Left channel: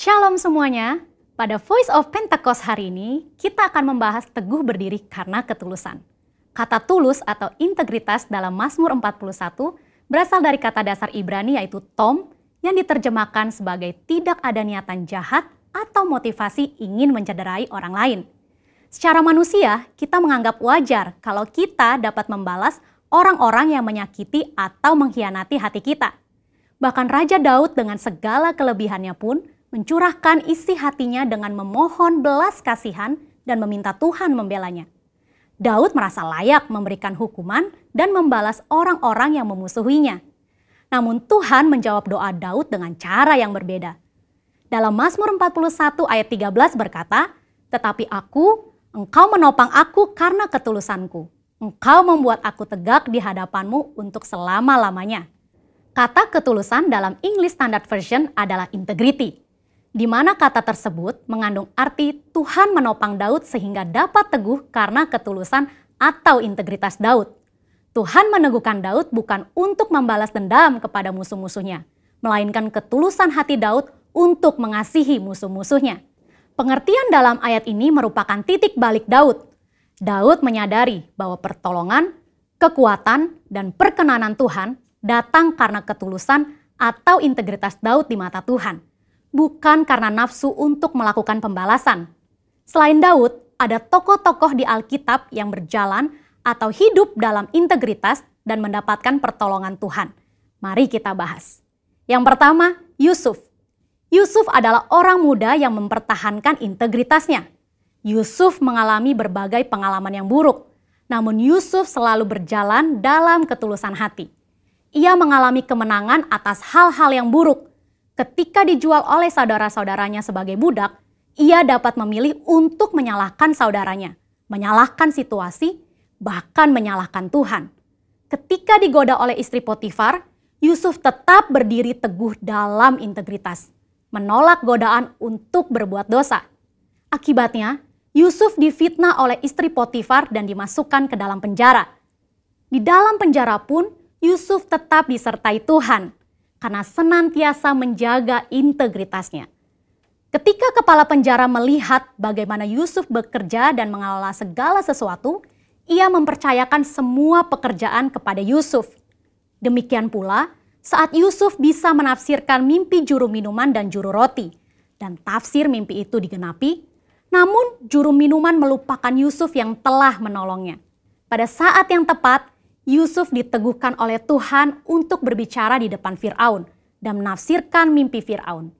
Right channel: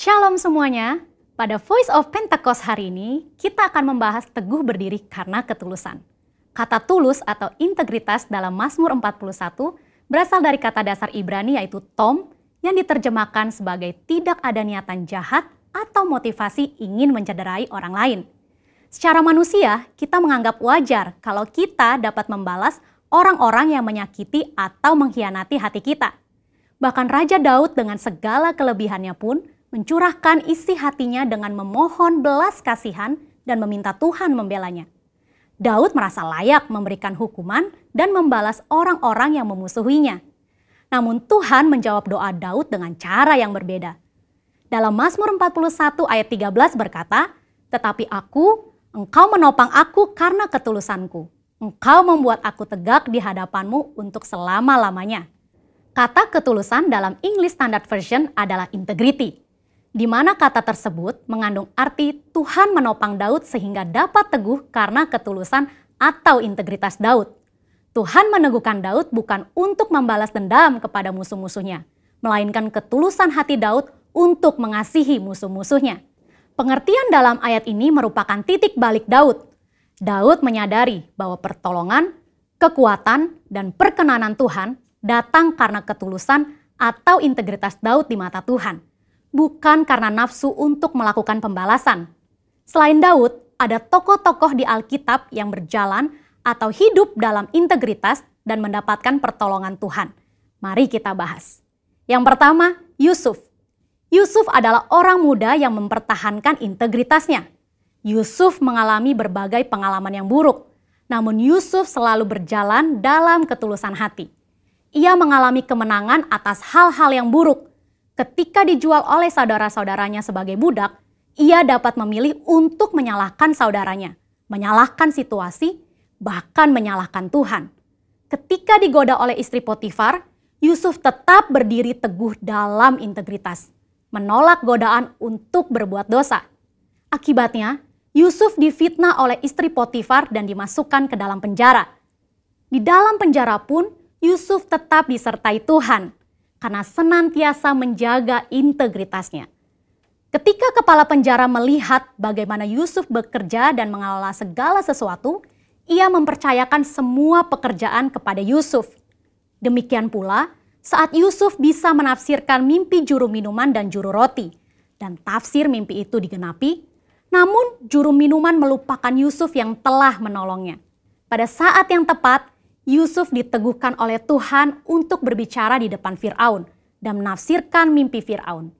Shalom semuanya, pada Voice of Pentecost hari ini kita akan membahas teguh berdiri karena ketulusan. Kata tulus atau integritas dalam Mazmur 41 berasal dari kata dasar Ibrani yaitu tom yang diterjemahkan sebagai tidak ada niatan jahat atau motivasi ingin mencederai orang lain. Secara manusia, kita menganggap wajar kalau kita dapat membalas orang-orang yang menyakiti atau mengkhianati hati kita. Bahkan Raja Daud dengan segala kelebihannya pun mencurahkan isi hatinya dengan memohon belas kasihan dan meminta Tuhan membelanya. Daud merasa layak memberikan hukuman dan membalas orang-orang yang memusuhinya. Namun Tuhan menjawab doa Daud dengan cara yang berbeda. Dalam Mazmur 41 ayat 13 berkata, "Tetapi Engkau menopang aku karena ketulusanku. Engkau membuat aku tegak di hadapanmu untuk selama-lamanya." Kata ketulusan dalam English Standard Version adalah integrity, di mana kata tersebut mengandung arti Tuhan menopang Daud sehingga dapat teguh karena ketulusan atau integritas Daud. Tuhan meneguhkan Daud bukan untuk membalas dendam kepada musuh-musuhnya, melainkan ketulusan hati Daud untuk mengasihi musuh-musuhnya. Pengertian dalam ayat ini merupakan titik balik Daud. Daud menyadari bahwa pertolongan, kekuatan, dan perkenanan Tuhan datang karena ketulusan atau integritas Daud di mata Tuhan, bukan karena nafsu untuk melakukan pembalasan. Selain Daud, ada tokoh-tokoh di Alkitab yang berjalan atau hidup dalam integritas dan mendapatkan pertolongan Tuhan. Mari kita bahas. Yang pertama, Yusuf. Yusuf adalah orang muda yang mempertahankan integritasnya. Yusuf mengalami berbagai pengalaman yang buruk, namun Yusuf selalu berjalan dalam ketulusan hati. Ia mengalami kemenangan atas hal-hal yang buruk. Ketika dijual oleh saudara-saudaranya sebagai budak, ia dapat memilih untuk menyalahkan saudaranya, menyalahkan situasi, bahkan menyalahkan Tuhan. Ketika digoda oleh istri Potifar, Yusuf tetap berdiri teguh dalam integritas, menolak godaan untuk berbuat dosa. Akibatnya, Yusuf difitnah oleh istri Potifar dan dimasukkan ke dalam penjara. Di dalam penjara pun, Yusuf tetap disertai Tuhan karena senantiasa menjaga integritasnya. Ketika kepala penjara melihat bagaimana Yusuf bekerja dan mengelola segala sesuatu, ia mempercayakan semua pekerjaan kepada Yusuf. Demikian pula, saat Yusuf bisa menafsirkan mimpi juru minuman dan juru roti, dan tafsir mimpi itu digenapi, namun juru minuman melupakan Yusuf yang telah menolongnya. Pada saat yang tepat, Yusuf diteguhkan oleh Tuhan untuk berbicara di depan Firaun dan menafsirkan mimpi Firaun.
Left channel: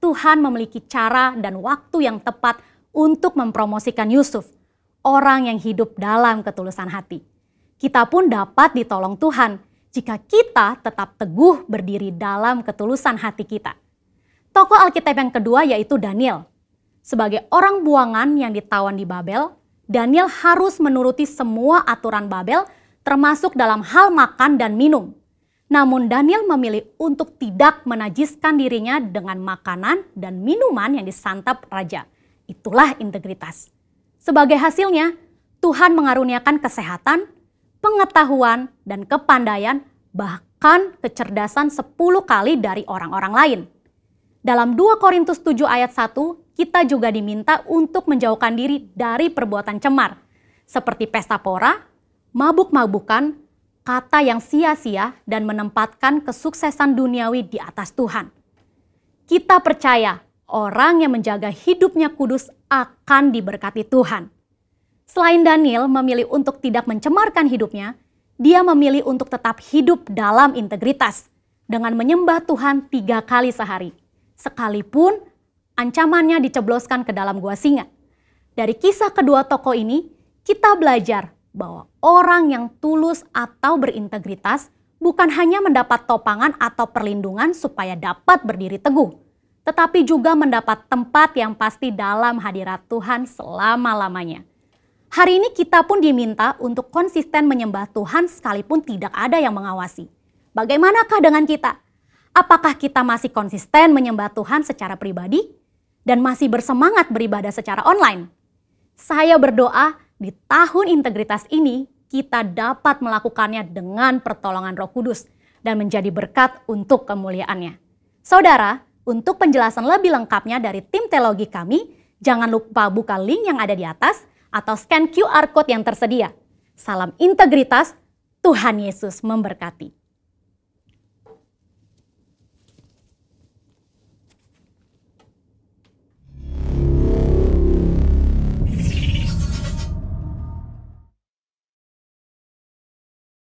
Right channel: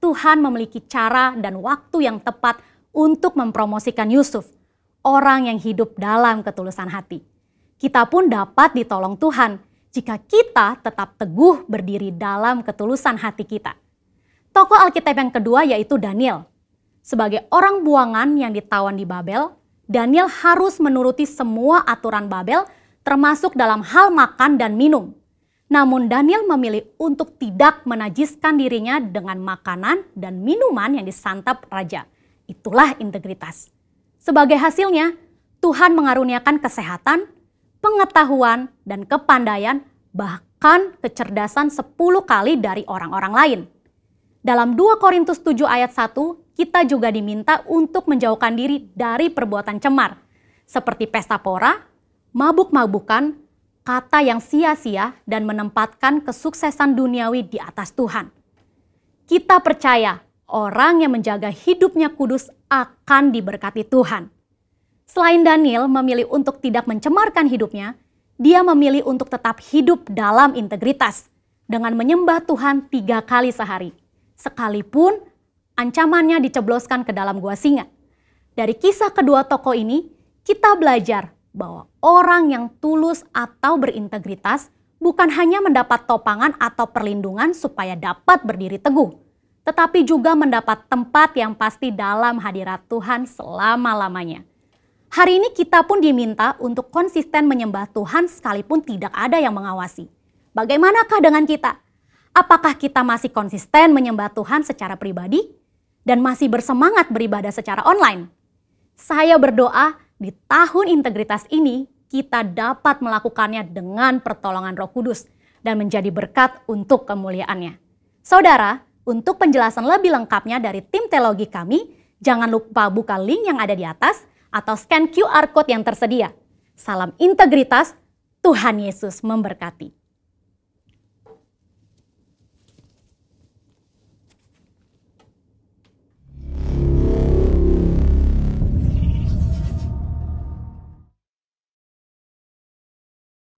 Tuhan memiliki cara dan waktu yang tepat untuk mempromosikan Yusuf, orang yang hidup dalam ketulusan hati. Kita pun dapat ditolong Tuhan jika kita tetap teguh berdiri dalam ketulusan hati kita. Tokoh Alkitab yang kedua yaitu Daniel. Sebagai orang buangan yang ditawan di Babel, Daniel harus menuruti semua aturan Babel termasuk dalam hal makan dan minum. Namun Daniel memilih untuk tidak menajiskan dirinya dengan makanan dan minuman yang disantap raja. Itulah integritas. Sebagai hasilnya, Tuhan mengaruniakan kesehatan, pengetahuan, dan kepandaian, bahkan kecerdasan 10 kali dari orang-orang lain. Dalam 2 Korintus 7 ayat 1, kita juga diminta untuk menjauhkan diri dari perbuatan cemar, seperti pesta pora, mabuk-mabukan, kata yang sia-sia, dan menempatkan kesuksesan duniawi di atas Tuhan. Kita percaya orang yang menjaga hidupnya kudus akan diberkati Tuhan. Selain Daniel memilih untuk tidak mencemarkan hidupnya, dia memilih untuk tetap hidup dalam integritas dengan menyembah Tuhan 3 kali sehari, sekalipun ancamannya dicebloskan ke dalam gua singa. Dari kisah kedua tokoh ini, kita belajar bahwa orang yang tulus atau berintegritas bukan hanya mendapat topangan atau perlindungan supaya dapat berdiri teguh, tetapi juga mendapat tempat yang pasti dalam hadirat Tuhan selama-lamanya. Hari ini kita pun diminta untuk konsisten menyembah Tuhan sekalipun tidak ada yang mengawasi. Bagaimanakah dengan kita? Apakah kita masih konsisten menyembah Tuhan secara pribadi dan masih bersemangat beribadah secara online? Saya berdoa di tahun integritas ini, kita dapat melakukannya dengan pertolongan Roh Kudus dan menjadi berkat untuk kemuliaannya. Saudara, Untuk penjelasan lebih lengkapnya dari tim teologi kami, jangan lupa buka link yang ada di atas atau scan QR Code yang tersedia. Salam integritas, Tuhan Yesus memberkati.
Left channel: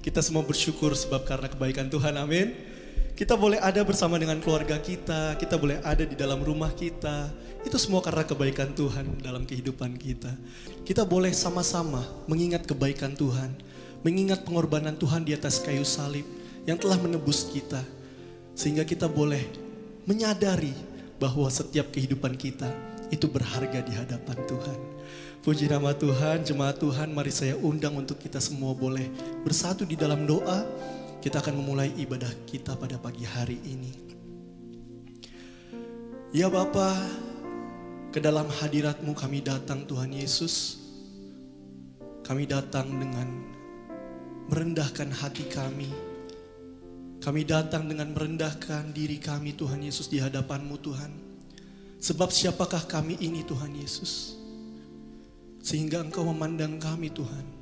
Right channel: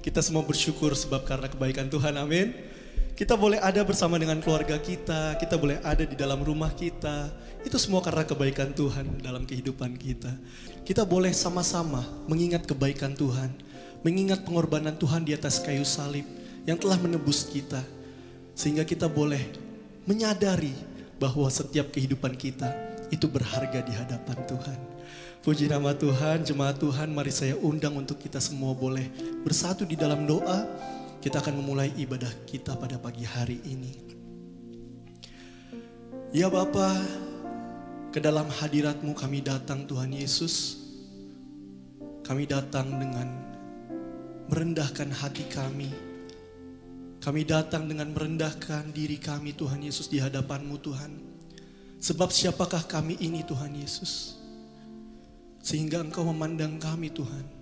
Kita semua bersyukur sebab karena kebaikan Tuhan, amin. Kita boleh ada bersama dengan keluarga kita boleh ada di dalam rumah kita. Itu semua karena kebaikan Tuhan dalam kehidupan kita. Kita boleh sama-sama mengingat kebaikan Tuhan, mengingat pengorbanan Tuhan di atas kayu salib yang telah menebus kita. Sehingga kita boleh menyadari bahwa setiap kehidupan kita itu berharga di hadapan Tuhan. Puji nama Tuhan, jemaat Tuhan, mari saya undang untuk kita semua boleh bersatu di dalam doa. Kita akan memulai ibadah kita pada pagi hari ini. Ya Bapa, ke dalam hadirat-Mu kami datang Tuhan Yesus. Kami datang dengan merendahkan hati kami. Kami datang dengan merendahkan diri kami Tuhan Yesus di hadapan-Mu Tuhan. Sebab siapakah kami ini Tuhan Yesus? Sehingga Engkau memandang kami Tuhan.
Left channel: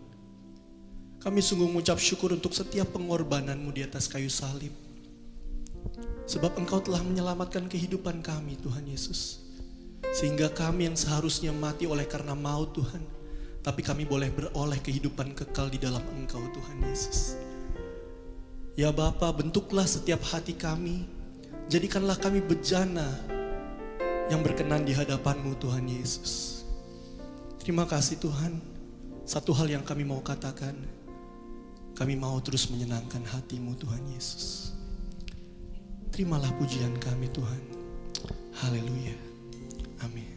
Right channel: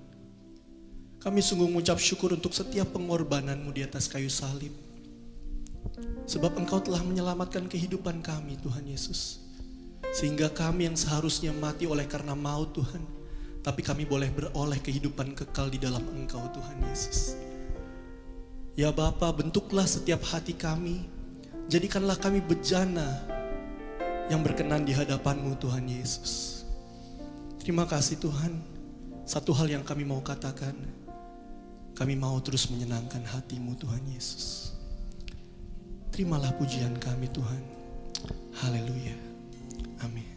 Kami sungguh mengucap syukur untuk setiap pengorbanan-Mu di atas kayu salib. Sebab Engkau telah menyelamatkan kehidupan kami Tuhan Yesus. Sehingga kami yang seharusnya mati oleh karena maut Tuhan. Tapi kami boleh beroleh kehidupan kekal di dalam Engkau Tuhan Yesus. Ya Bapa, bentuklah setiap hati kami. Jadikanlah kami bejana yang berkenan di hadapan-Mu Tuhan Yesus. Terima kasih Tuhan. Satu hal yang kami mau katakan, kami mau terus menyenangkan hati-Mu Tuhan Yesus. Terimalah pujian kami Tuhan. Haleluya. Amin.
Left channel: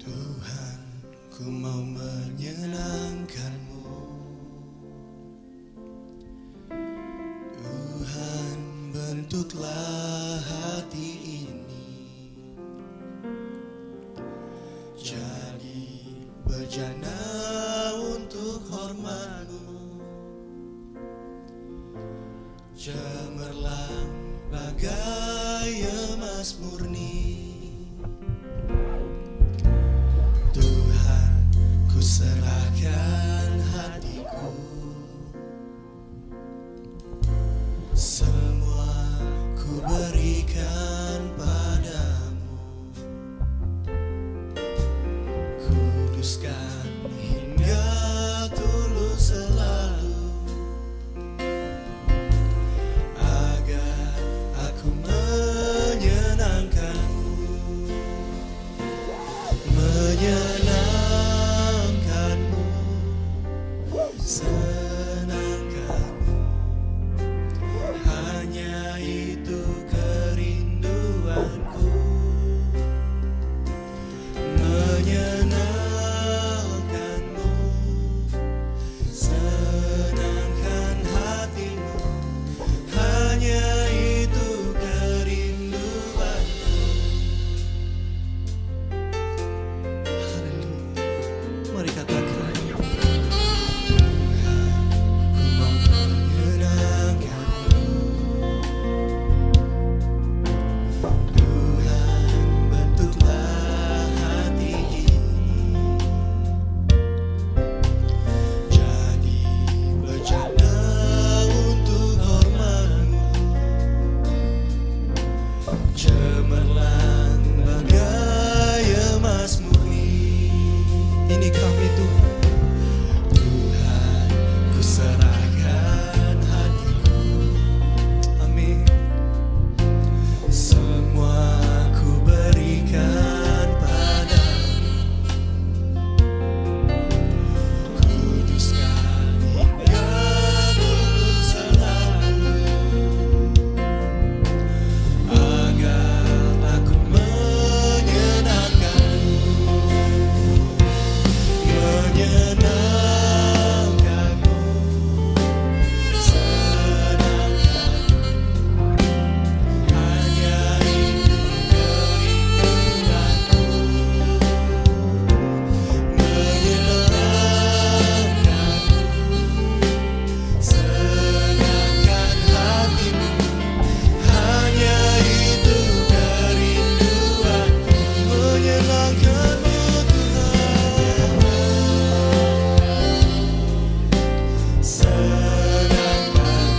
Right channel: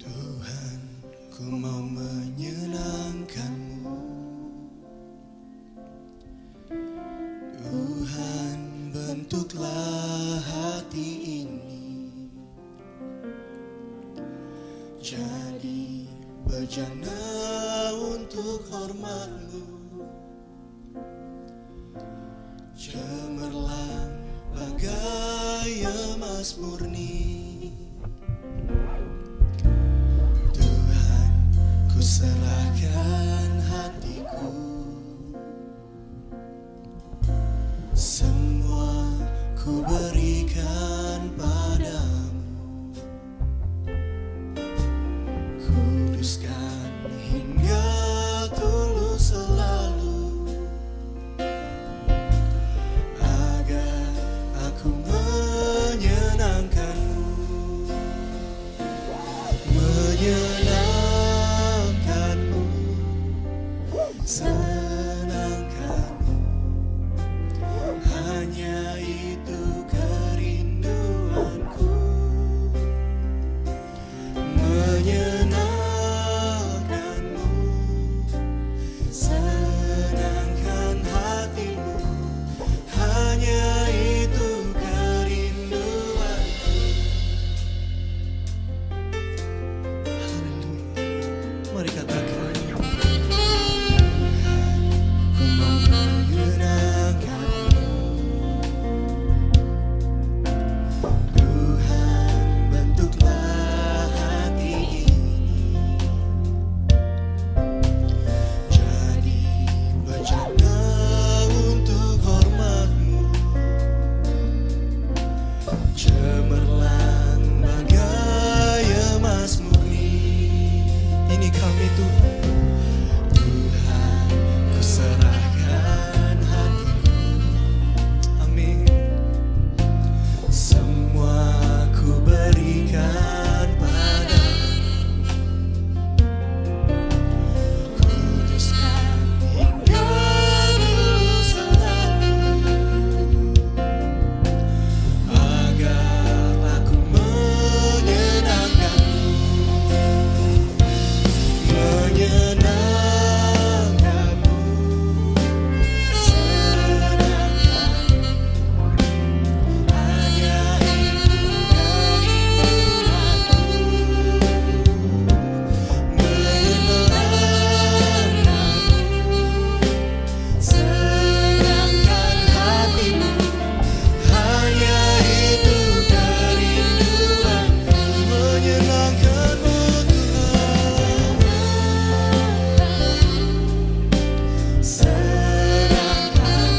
Tuhan, ku mau menyenangkan-Mu. Tuhan, bentuklah hati ini jadi bejana untuk hormat-Mu. Cemerlang bagai emas murni. Tuhan, ku serahkan hatiku. Semua ku berikan padamu. Kuduskan hingga tulus selalu, agar aku menyenangkan-Mu. Menyenangkan-Mu, senangkan-Mu. Hanya itu kerinduanku. Menyenangkan-Mu, senangkan hati-Mu. Hanya itu kerinduanku. Haleluya. Mari katakan, ku mau menyenangkan-Mu. Tuhan, bentuklah hati ini jadi bejana untuk hormat-Mu. Cemerlang bagai emas murni. Ini kami Tuhan. Tuhan, ku serahkan hatiku. Amin. Semua ku berikan padamu. Kuduskan hingga tulus selalu, agar aku menyenangkan-Mu. Menyenangkan menyenangkan-Mu Tuhan. Senangkan,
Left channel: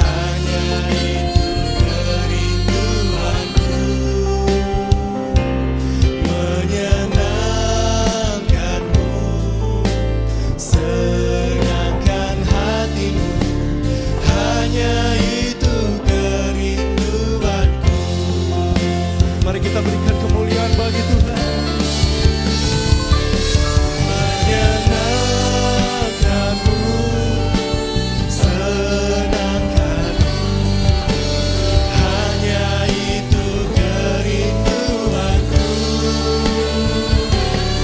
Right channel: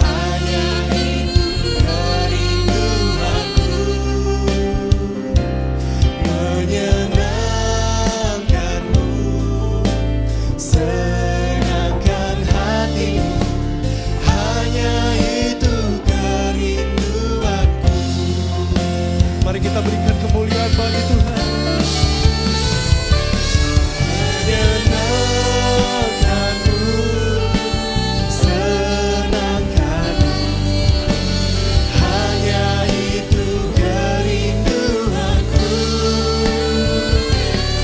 hanya itu kerinduanku. Menyenangkan-Mu, senangkan hatimu, hanya itu kerinduanku. Mari kita berikan kemuliaan bagi Tuhan. Menyenangkan-Mu, senangkan-Mu, hanya itu kerinduanku.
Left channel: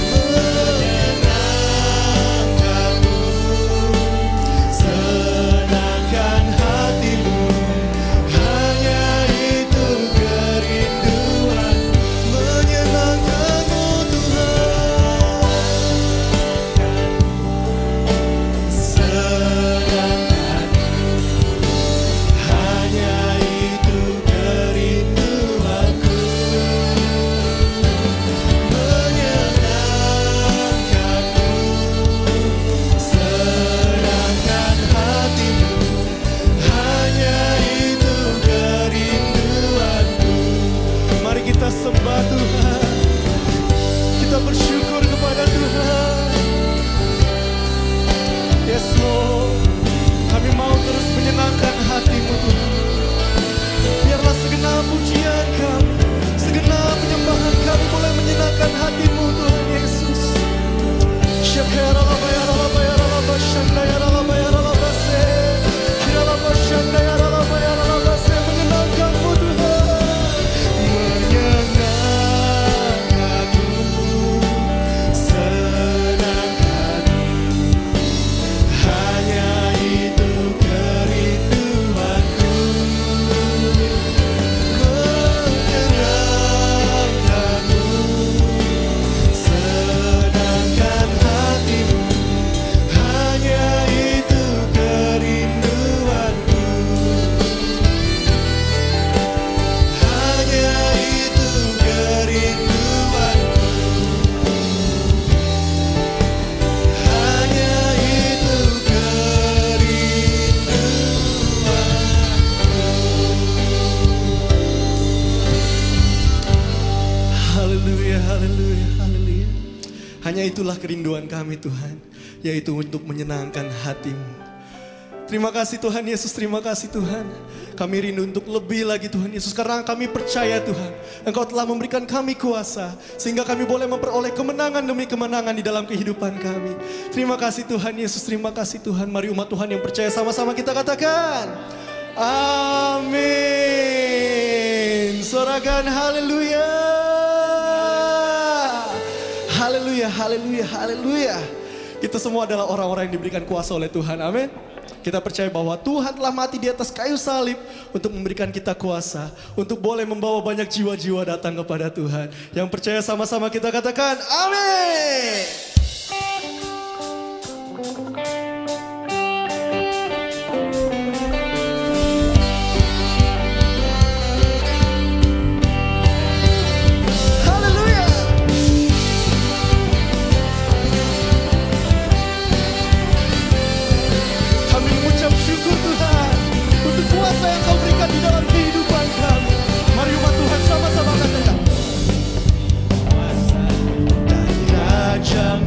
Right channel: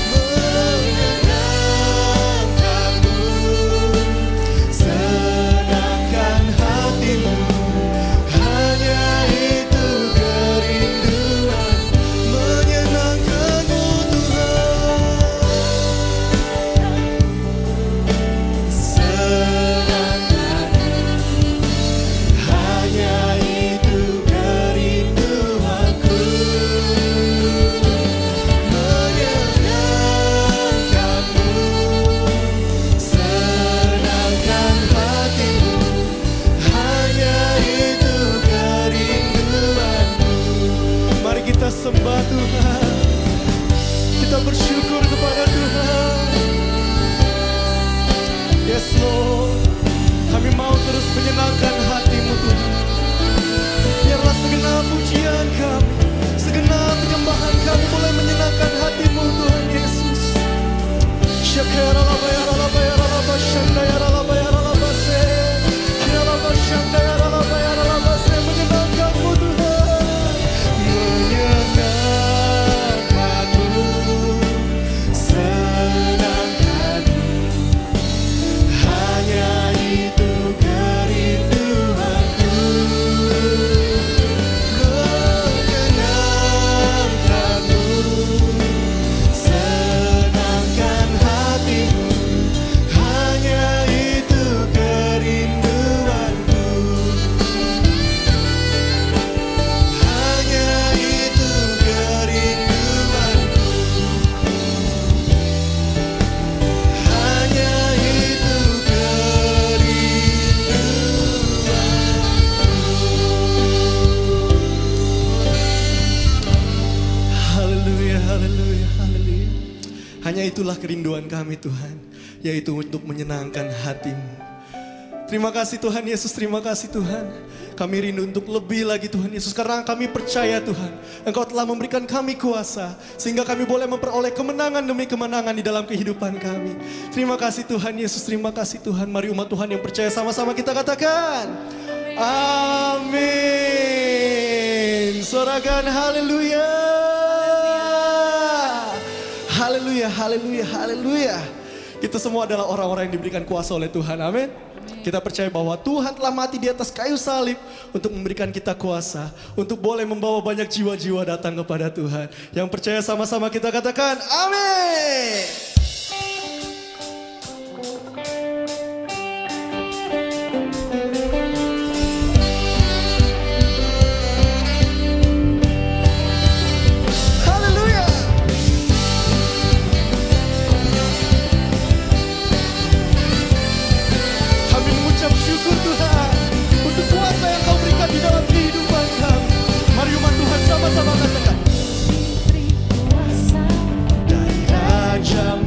Menyenangkan-Mu, senangkan hatimu, hanya itu kerinduan. Menyenangkan-Mu Tuhan. Senangkan, hanya itu kerinduanku. Menyenangkan-Mu, senangkan hatimu, hanya itu kerinduanku. Mari kita sembah Tuhan. Kita bersyukur kepada Tuhan. Yes Lord, kami mau terus menyenangkan hati-Mu Tuhan. Biarlah segenap pujian kami, segenap penyembahan kami boleh menyenangkan hati-Mu Tuhan Yesus. Menyenangkan-Mu Tuhan. Menyenangkan-Mu, senangkan-Mu, hanya itu kerinduanku. Menyenangkan-Mu, senangkan hatimu, hanya itu kerinduanku. Hanya itu kerinduanku. Hanya itu kerinduanku. Haleluya, haleluya, haleluya. Hanya itulah kerinduan kami Tuhan, yaitu untuk menyenangkan hati-Mu. Terima kasih Tuhan Yesus, terima kasih Tuhan. Kami rindu untuk lebih lagi Tuhan Yesus, karena kami percaya Tuhan, Engkau telah memberikan kami kuasa, sehingga kami boleh memperoleh kemenangan demi kemenangan di dalam kehidupan kami. Terima kasih Tuhan Yesus, terima kasih Tuhan. Mari umat Tuhan yang percaya sama-sama kita katakan, amin. Sorakan haleluya. Haleluya, haleluya, haleluya. Kita semua adalah orang-orang yang diberikan kuasa oleh Tuhan, amin. Kita percaya bahwa Tuhan telah mati di atas kayu salib untuk memberikan kita kuasa, untuk boleh membawa banyak jiwa-jiwa datang kepada Tuhan. Yang percaya sama-sama kita katakan, amin. Haleluya. Kami mengucap syukur Tuhan untuk kuasa yang Kau berikan di dalam kehidupan kami. Mari umat Tuhan sama-sama katakan, dari Raja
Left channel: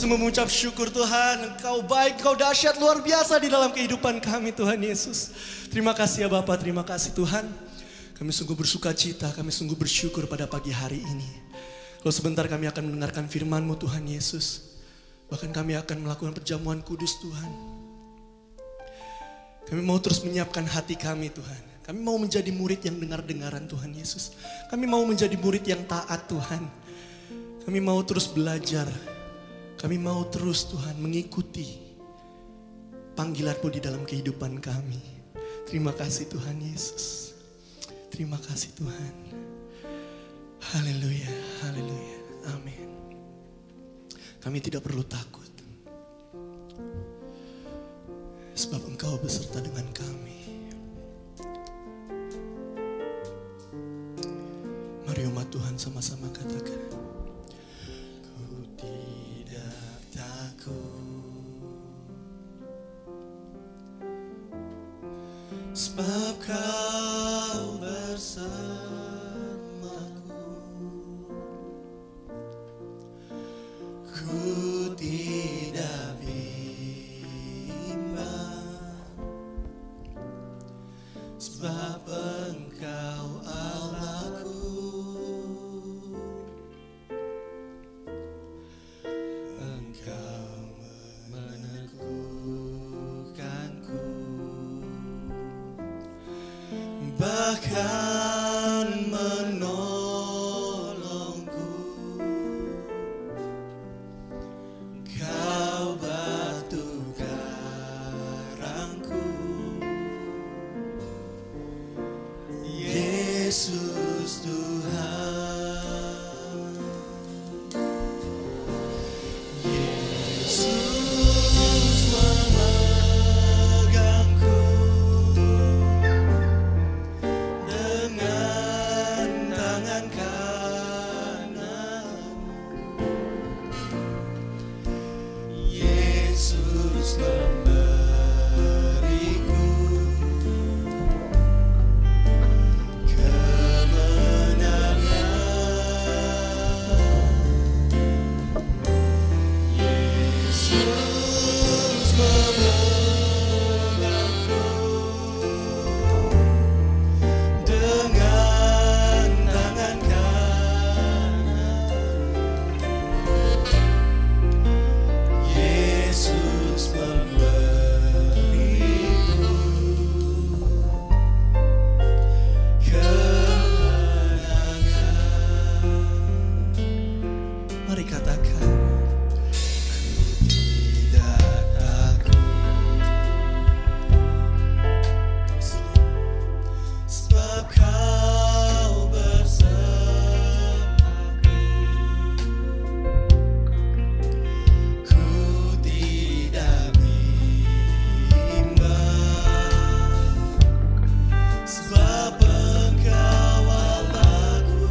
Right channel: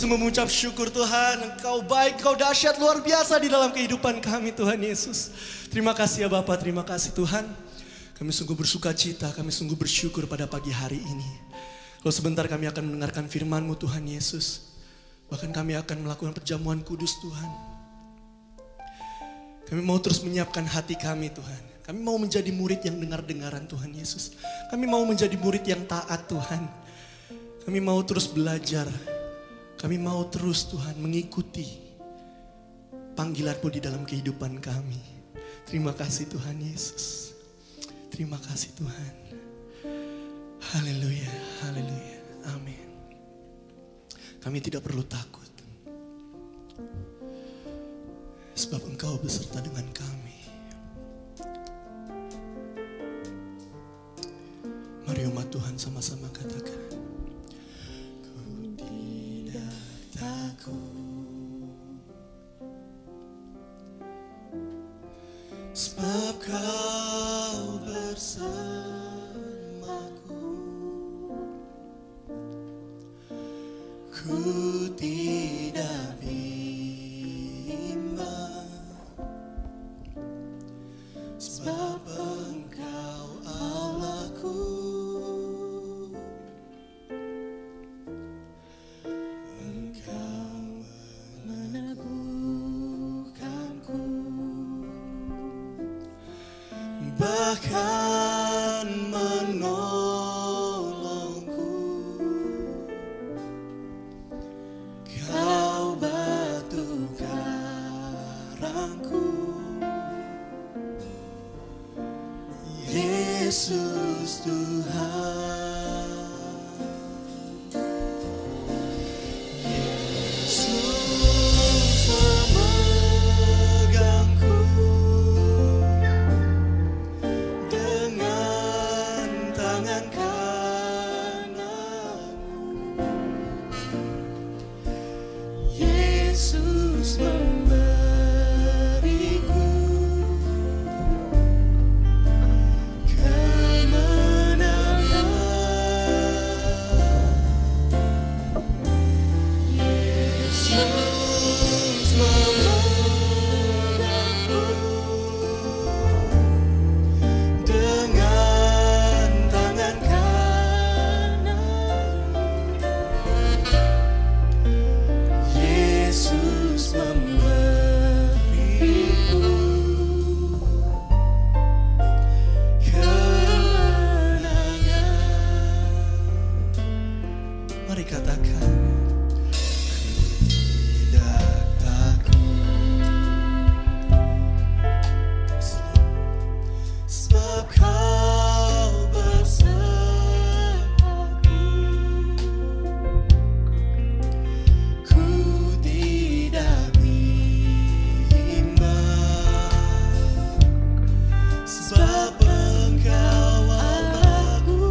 sungguh mengucap syukur Tuhan, Engkau baik, Engkau dahsyat, luar biasa di dalam kehidupan kami Tuhan Yesus. Terima kasih ya Bapa, terima kasih Tuhan. Kami sungguh bersuka cita, kami sungguh bersyukur pada pagi hari ini. Kalau sebentar kami akan mendengarkan firman-Mu Tuhan Yesus. Bahkan kami akan melakukan perjamuan kudus Tuhan. Kami mau terus menyiapkan hati kami Tuhan. Kami mau menjadi murid yang dengar-dengaran Tuhan Yesus. Kami mau menjadi murid yang taat Tuhan. Kami mau terus belajar. Kami mau terus Tuhan mengikuti panggilan-Mu di dalam kehidupan kami. Terima kasih Tuhan Yesus. Terima kasih Tuhan. Haleluya, haleluya, amin. Kami tidak perlu takut. Sebab Engkau beserta dengan kami. Mari umat Tuhan sama-sama katakan. Sebab Kau bersamaku, ku tidak bimbang. Sebab Engkau Allahku, bahkan menolongku. Kau batu karangku, Yesus Tuhan. Yesus memegangku dengan tangan kananmu. Yesus memberiku kemenangan. Yesus memegangku dengan tangan kananmu. Yesus memberiku kemenangan. Mari katakan, ku tidak takut. Sebab Kau bersamaku, ku tidak bimbang. Sebab Engkau Allahku,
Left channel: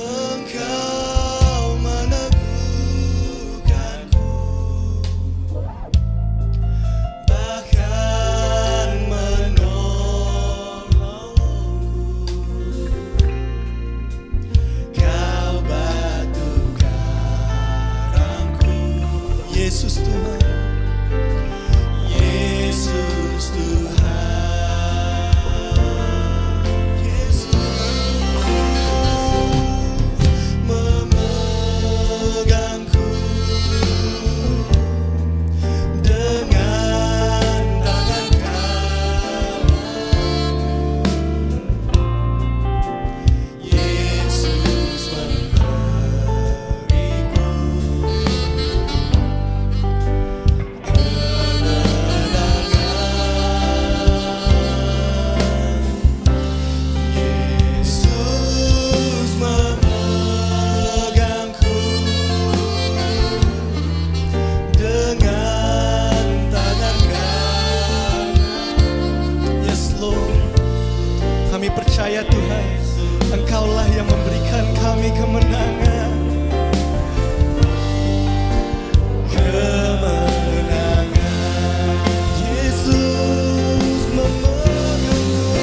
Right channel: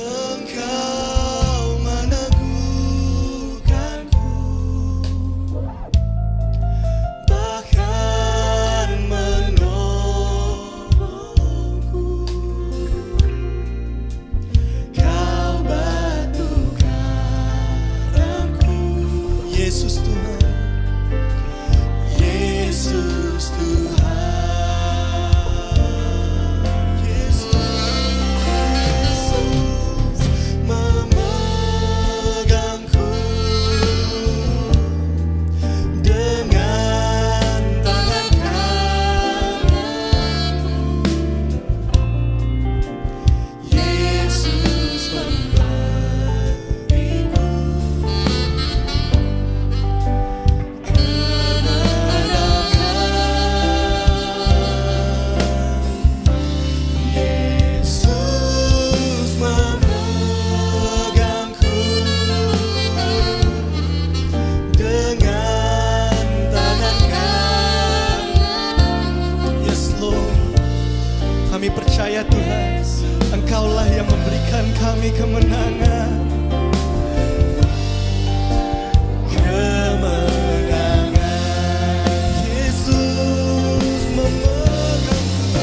Engkau meneguhkanku, bahkan menolongku. Kau batu karangku, Yesus Tuhan. Yesus Tuhan. Yesus memegangku dengan tangan kananmu. Yesus memberiku Yesus memegangku dengan tangan kanan. Yes Lord, kami percaya Tuhan, Engkaulah yang memberikan kami kemenangan. Kemenangan. Yesus memegangku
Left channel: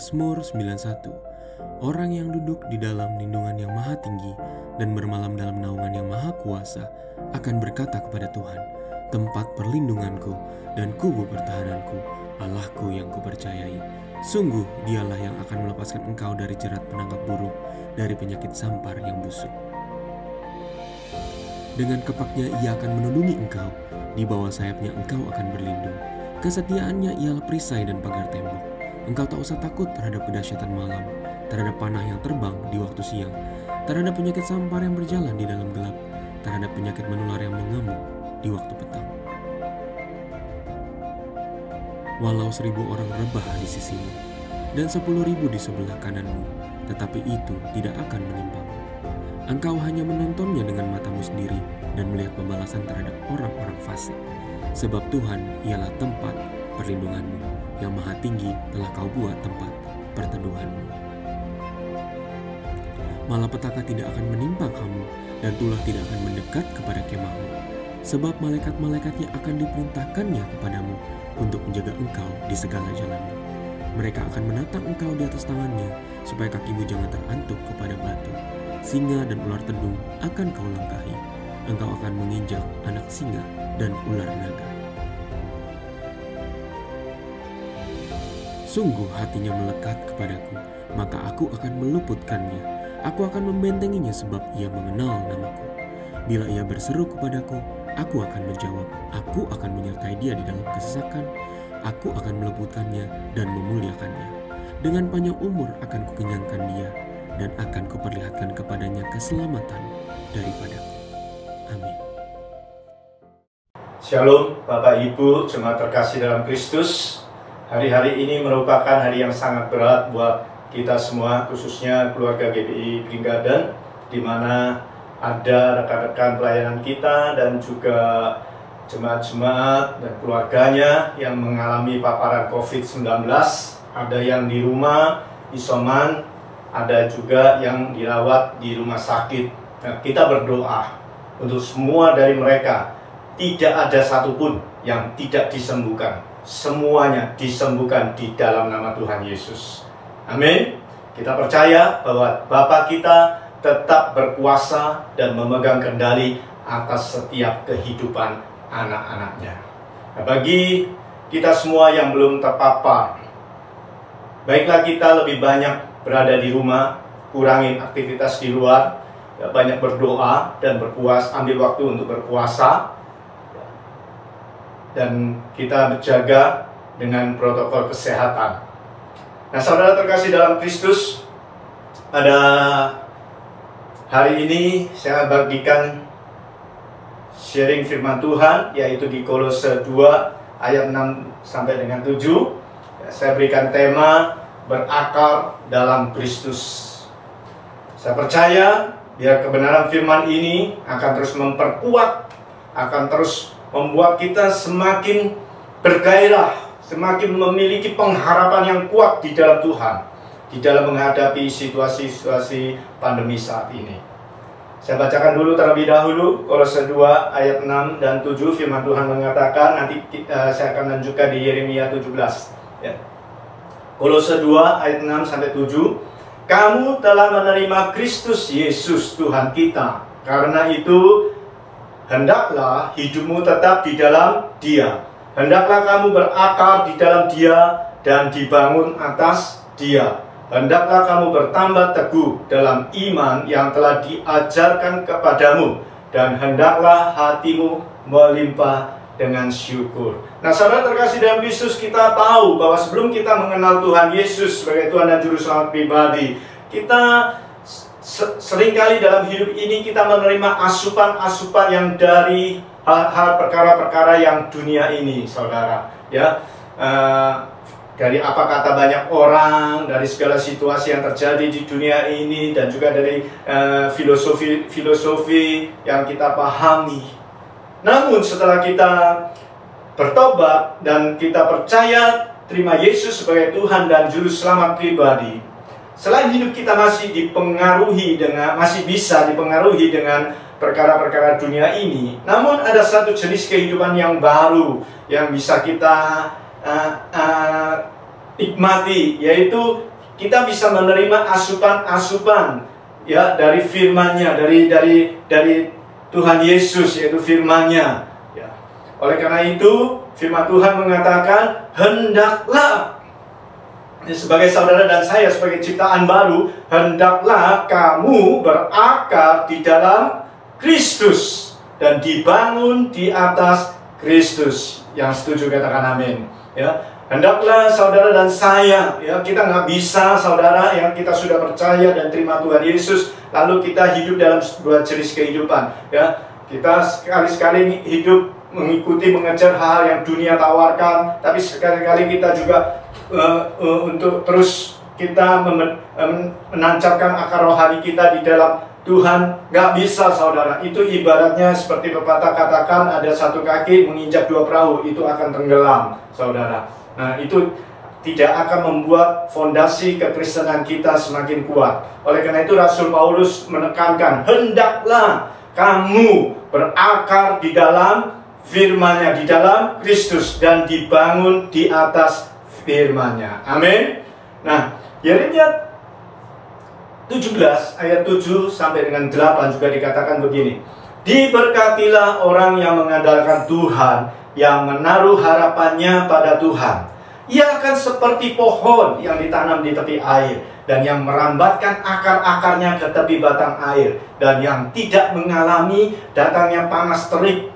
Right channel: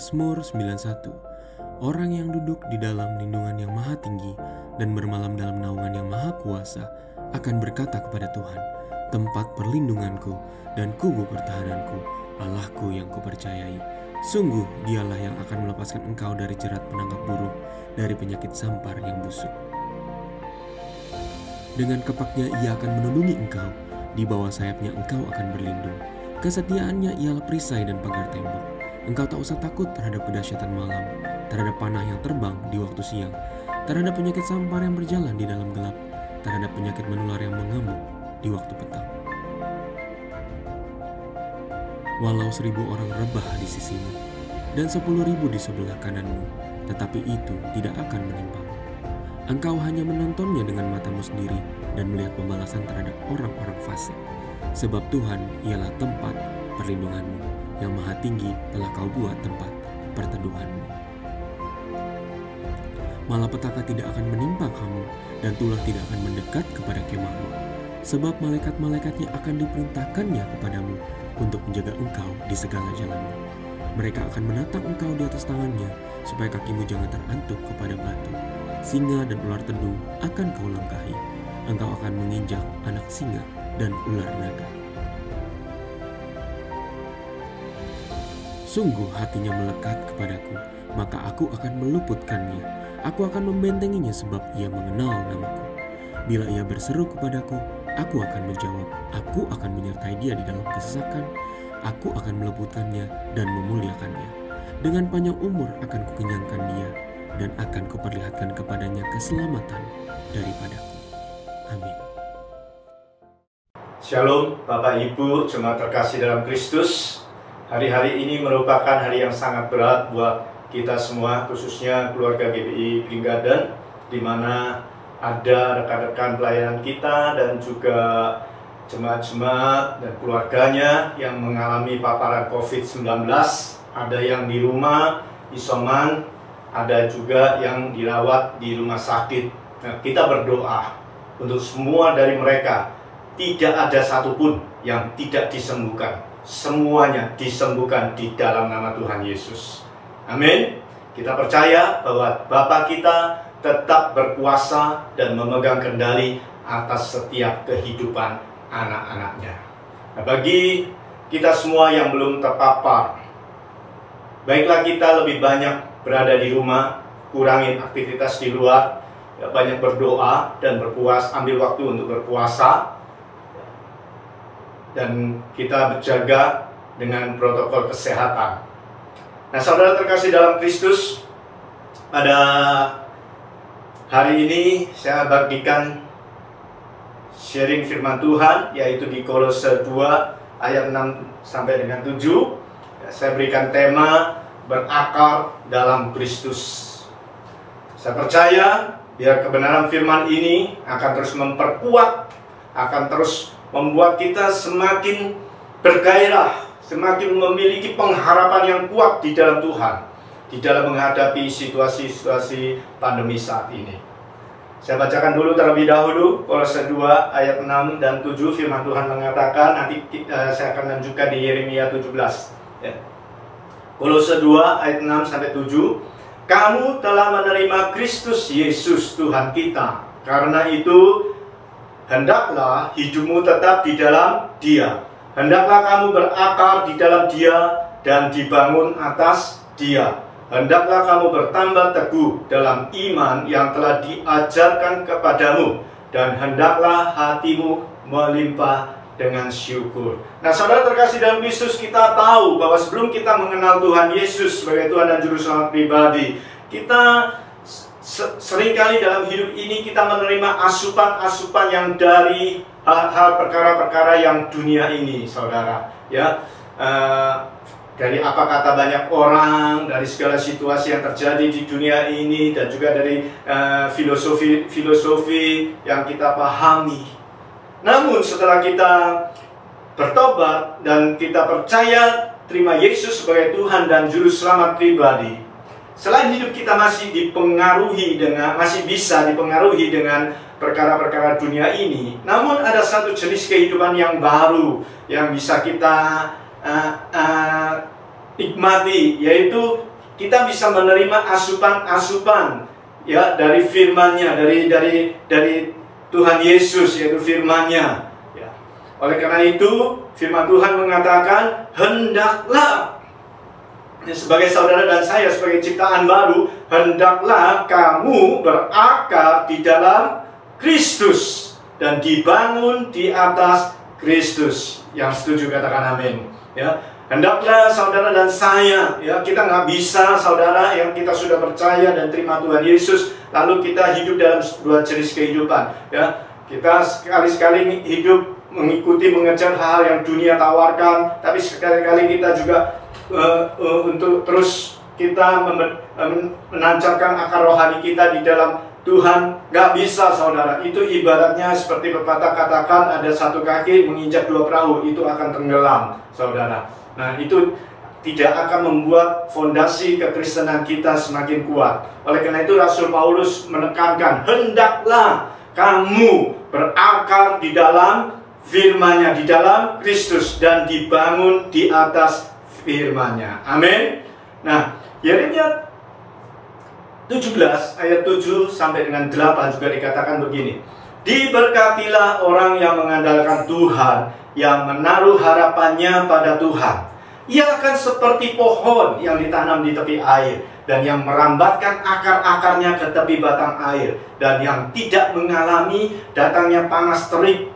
Mazmur 91. Orang yang duduk di dalam lindungan yang maha tinggi dan bermalam dalam naungan yang maha kuasa akan berkata kepada Tuhan, tempat perlindunganku dan kubu pertahananku, Allahku yang kupercayai. Sungguh dialah yang akan melepaskan engkau dari jerat penangkap burung, dari penyakit sampar yang busuk. Dengan kepaknya ia akan melindungi engkau, di bawah sayapnya engkau akan berlindung. Kesetiaannya ialah perisai dan pagar tembok. Engkau tak usah takut terhadap kedahsyatan malam, terhadap panah yang terbang di waktu siang, terhadap penyakit sampar yang berjalan di dalam gelap, terhadap penyakit menular yang mengamuk di waktu petang. Walau 1.000 orang rebah di sisimu, dan 10.000 di sebelah kananmu, tetapi itu tidak akan menimpamu. Engkau hanya menontonnya dengan matamu sendiri dan melihat pembalasan terhadap orang-orang fasik. Sebab Tuhan ialah tempat perlindunganmu, yang maha tinggi telah kau buat tempat perteduhanmu. Malapetaka tidak akan menimpa kamu, dan tulah tidak akan mendekat kepada kemahmu. Sebab malaikat-malaikatnya akan diperintahkannya kepadamu untuk menjaga engkau di segala jalanmu. Mereka akan menatang engkau di atas tangannya, supaya kakimu jangan terantuk kepada batu. Singa dan ular tedung akan kau langkahi. Engkau akan menginjak anak singa dan ular naga. Sungguh hatinya melekat kepadaku, maka aku akan meluputkannya. Aku akan membentenginya sebab ia mengenal namaku. Bila ia berseru kepadaku, aku akan menjawab. Aku akan menyertai dia di dalam kesesakan. Aku akan meluputkannya dan memuliakannya. Dengan panjang umur akan kukenyangkan dia, dan akan kuperlihatkan kepadanya keselamatan daripadaku. Amin. Shalom Bapak Ibu, jemaat terkasih dalam Kristus. Hari-hari ini merupakan hari yang sangat berat buat kita semua, khususnya keluarga GBI Green Garden, di mana ada rekan-rekan pelayanan kita dan juga jemaat-jemaat dan keluarganya yang mengalami paparan COVID-19. Ada yang di rumah, isoman, ada juga yang dirawat di rumah sakit. Nah, kita berdoa untuk semua dari mereka, tidak ada satupun yang tidak disembuhkan. Semuanya disembuhkan di dalam nama Tuhan Yesus. Amin. Kita percaya bahwa Bapa kita tetap berkuasa dan memegang kendali atas setiap kehidupan anak-anaknya. Nah, bagi kita semua yang belum terpapar, baiklah kita lebih banyak berada di rumah, kurangin aktivitas di luar, ya, banyak berdoa dan ambil waktu untuk berpuasa, ya, dan kita berjaga dengan protokol kesehatan. Nah, saudara terkasih dalam Kristus, pada hari ini saya bagikan sharing firman Tuhan, yaitu di Kolose 2 ayat 6 sampai dengan 7. Ya, saya berikan tema berakar dalam Kristus. Saya percaya biar kebenaran firman ini akan terus memperkuat, akan terus membuat kita semakin bergairah, semakin memiliki pengharapan yang kuat di dalam Tuhan, di dalam menghadapi situasi-situasi pandemi saat ini. Saya bacakan dulu terlebih dahulu Kolose 2 ayat 6 dan 7. Firman Tuhan mengatakan, nanti saya akan lanjutkan di Yeremia 17, ya. Kolose 2 ayat 6 sampai 7. Kamu telah menerima Kristus Yesus Tuhan kita, karena itu hendaklah hidupmu tetap di dalam Dia. Hendaklah kamu berakar di dalam Dia dan dibangun atas Dia. Hendaklah kamu bertambah teguh dalam iman yang telah diajarkan kepadamu, dan hendaklah hatimu melimpah dengan syukur. Nah, saudara terkasih dalam Kristus, kita tahu bahwa sebelum kita mengenal Tuhan Yesus sebagai Tuhan dan Juru Selamat pribadi, kita seringkali dalam hidup ini kita menerima asupan-asupan yang dari hal-hal perkara-perkara yang dunia ini, saudara. Ya, dari apa kata banyak orang, dari segala situasi yang terjadi di dunia ini, dan juga dari filosofi yang kita pahami. Namun setelah kita bertobat dan kita percaya terima Yesus sebagai Tuhan dan Juru Selamat pribadi, selain hidup kita masih bisa dipengaruhi dengan perkara-perkara dunia ini, namun ada satu jenis kehidupan yang baru yang bisa kita nikmati, yaitu kita bisa menerima asupan-asupan, ya, dari firman-Nya, dari Tuhan Yesus, yaitu firman-Nya, ya. Oleh karena itu firman Tuhan mengatakan, hendaklah, sebagai saudara dan saya sebagai ciptaan baru, hendaklah kamu berakar di dalam Kristus dan dibangun di atas Kristus. Yang setuju katakan amin, ya. Hendaklah saudara dan saya, ya, kita nggak bisa, saudara, yang kita sudah percaya dan terima Tuhan Yesus, lalu kita hidup dalam dua jenis kehidupan, ya. Kita sekali-sekali hidup mengejar hal yang dunia tawarkan, tapi sekali-kali kita juga untuk terus kita menancapkan akar rohani kita di dalam Tuhan. Nggak bisa, saudara. Itu ibaratnya seperti pepatah katakan, ada satu kaki menginjak dua perahu, itu akan tenggelam, saudara. Nah, itu tidak akan membuat fondasi kekristenan kita semakin kuat. Oleh karena itu Rasul Paulus menekankan, hendaklah kamu berakar di dalam firman-Nya, di dalam Kristus, dan dibangun di atas firman-Nya. Amin. Nah, Yeremia 17 ayat 7 sampai dengan 8 juga dikatakan begini. Diberkatilah orang yang mengandalkan Tuhan, yang menaruh harapannya pada Tuhan. Ia akan seperti pohon yang ditanam di tepi air, dan yang merambatkan akar-akarnya ke tepi batang air, dan yang tidak mengalami datangnya panas terik,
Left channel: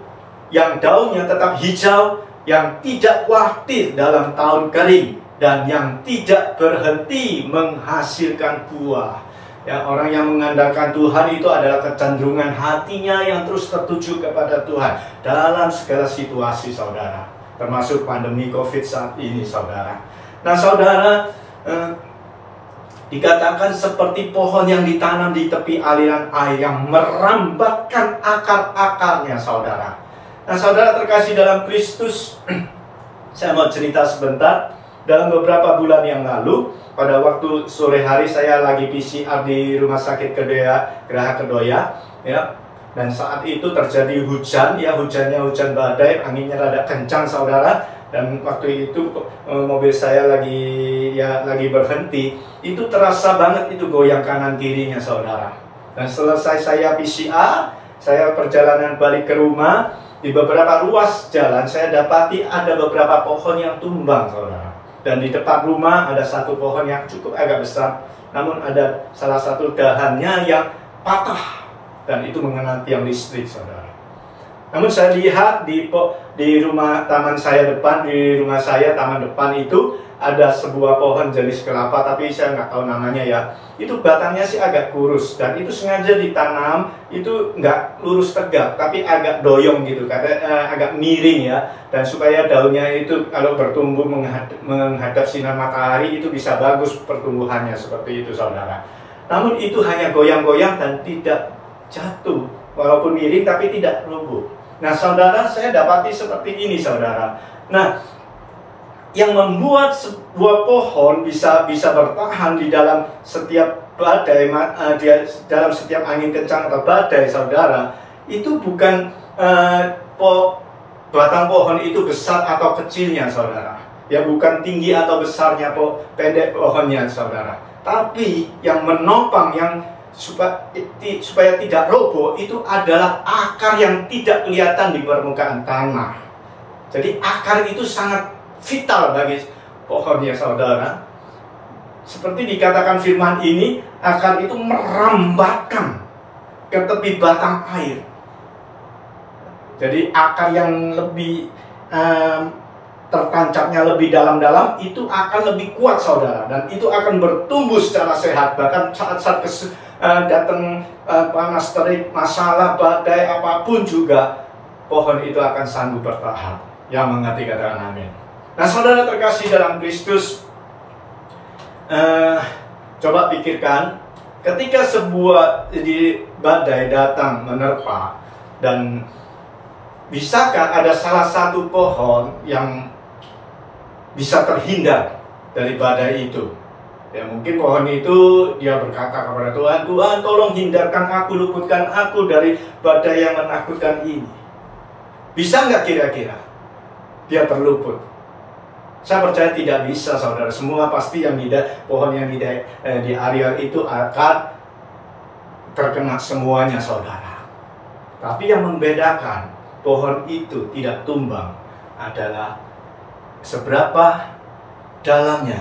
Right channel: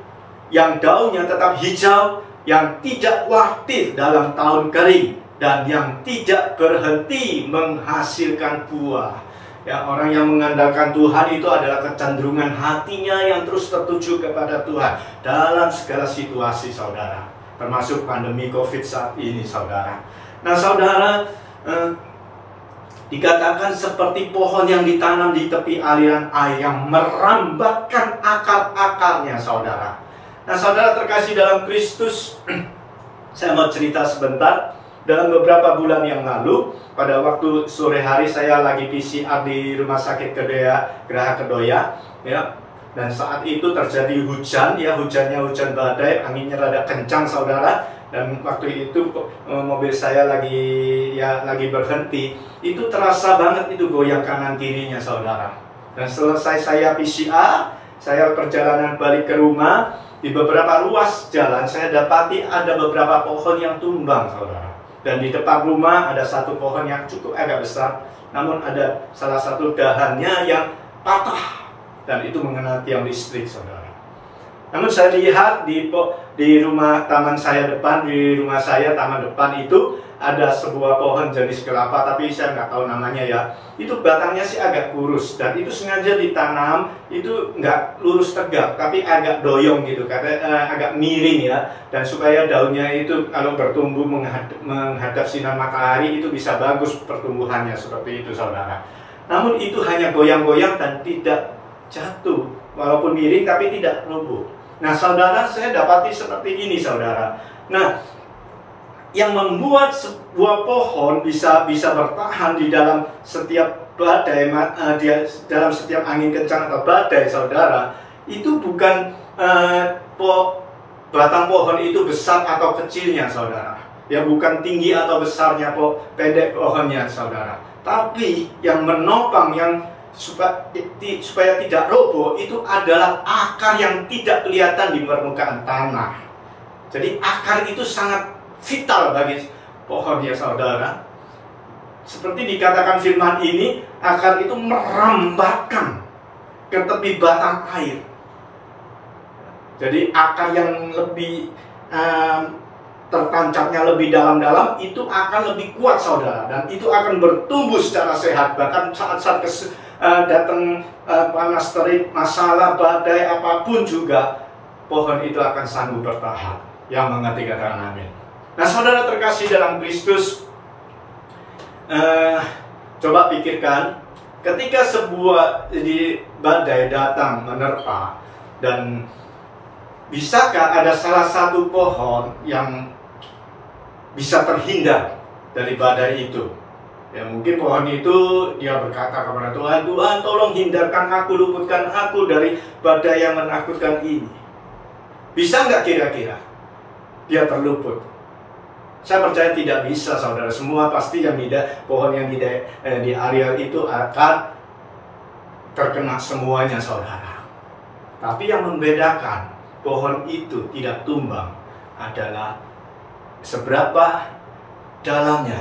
yang daunnya tetap hijau, yang tidak khawatir dalam tahun kering, dan yang tidak berhenti menghasilkan buah. Ya, orang yang mengandalkan Tuhan itu adalah kecenderungan hatinya yang terus tertuju kepada Tuhan dalam segala situasi, saudara. Termasuk pandemi COVID saat ini, saudara. Nah, saudara, dikatakan seperti pohon yang ditanam di tepi aliran air, yang merambatkan akar-akarnya, saudara. Nah, saudara terkasih dalam Kristus, saya mau cerita sebentar. Dalam beberapa bulan yang lalu, pada waktu sore hari saya lagi PCR di Rumah Sakit Geraha Kedoya, ya. Dan saat itu terjadi hujan, ya, hujannya hujan badai, anginnya rada kencang, saudara. Dan waktu itu mobil saya lagi berhenti, itu terasa banget itu goyang kanan kirinya, saudara. Dan selesai saya PCR, saya perjalanan balik ke rumah, di beberapa ruas jalan saya dapati ada beberapa pohon yang tumbang, saudara. Dan di depan rumah ada satu pohon yang cukup agak besar, namun ada salah satu dahannya yang patah, dan itu mengenai tiang listrik, saudara. Namun saya lihat di rumah taman saya depan, di rumah saya taman depan itu ada sebuah pohon jenis kelapa, tapi saya nggak tahu namanya ya. Itu batangnya sih agak kurus, dan itu sengaja ditanam, itu nggak lurus tegak, tapi agak doyong gitu, agak miring ya. Dan supaya daunnya itu kalau bertumbuh menghadap sinar matahari, itu bisa bagus pertumbuhannya, seperti itu, saudara. Namun itu hanya goyang-goyang dan tidak jatuh, walaupun miring tapi tidak roboh. Nah, saudara, saya dapati seperti ini, saudara. Nah, yang membuat sebuah pohon bisa bertahan di dalam setiap badai, dalam setiap angin kencang atau badai, saudara, itu bukan batang pohon itu besar atau kecilnya, saudara. Ya, bukan tinggi atau besarnya, pendek pohonnya, saudara. Tapi yang menopang, yang supaya tidak roboh, itu adalah akar yang tidak kelihatan di permukaan tanah. Jadi akar itu sangat vital bagi pohon, ya saudara. Seperti dikatakan firman ini, akar itu merambatkan ke tepi batang air. Jadi akar yang lebih tertancapnya lebih dalam-dalam, itu akan lebih kuat, saudara. Dan itu akan bertumbuh secara sehat. Bahkan saat-saat datang panas terik, masalah, badai, apapun juga, pohon itu akan sanggup bertahan. Yang mengerti katakan amin. Nah, saudara terkasih dalam Kristus, coba pikirkan, ketika sebuah badai datang menerpa, dan bisakah ada salah satu pohon yang bisa terhindar dari badai itu? Ya, mungkin pohon itu dia berkata kepada Tuhan, Tuhan tolong hindarkan aku, luputkan aku dari badai yang menakutkan ini. Bisa nggak kira-kira dia terluput? Saya percaya tidak bisa, saudara. Semua pasti yang pohon yang di area itu akan terkena semuanya, saudara. Tapi yang membedakan pohon itu tidak tumbang adalah seberapa dalamnya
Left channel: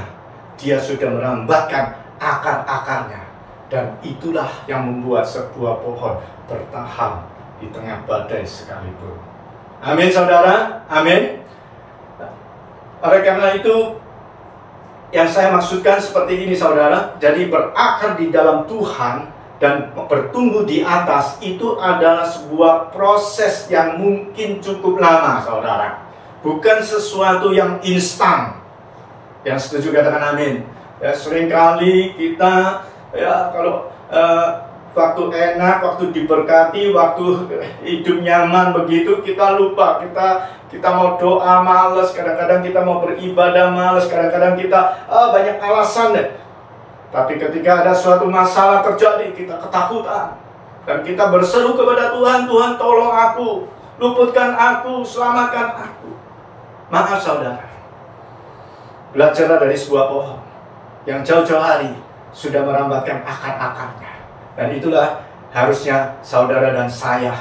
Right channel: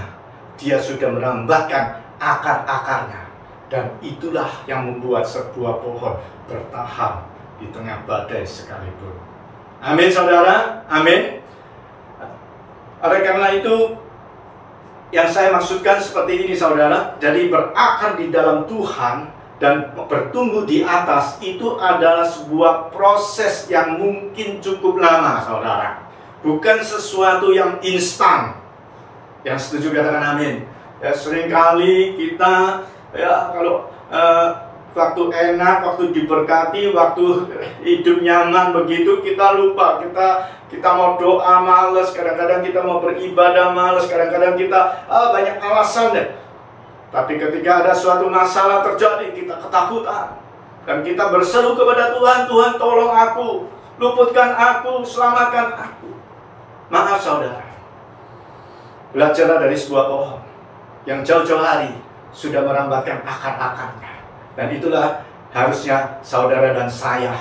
dia sudah merambatkan akar-akarnya. Dan itulah yang membuat sebuah pohon bertahan di tengah badai sekalipun. Amin, saudara. Amin. Oleh karena itu, yang saya maksudkan seperti ini, saudara. Jadi berakar di dalam Tuhan dan bertumbuh di atas itu adalah sebuah proses yang mungkin cukup lama, saudara. Bukan sesuatu yang instan. Yang setuju katakan amin. Ya, seringkali kita kalau waktu enak, waktu diberkati, waktu hidup nyaman begitu, kita lupa, kita mau doa males, kadang-kadang kita mau beribadah males, kadang-kadang kita banyak alasan deh. Tapi ketika ada suatu masalah terjadi, kita ketakutan, dan kita berseru kepada Tuhan, Tuhan tolong aku, luputkan aku, selamatkan aku. Maaf, saudara, belajarlah dari sebuah pohon yang jauh-jauh hari sudah merambatkan akar-akarnya. Dan itulah harusnya saudara dan saya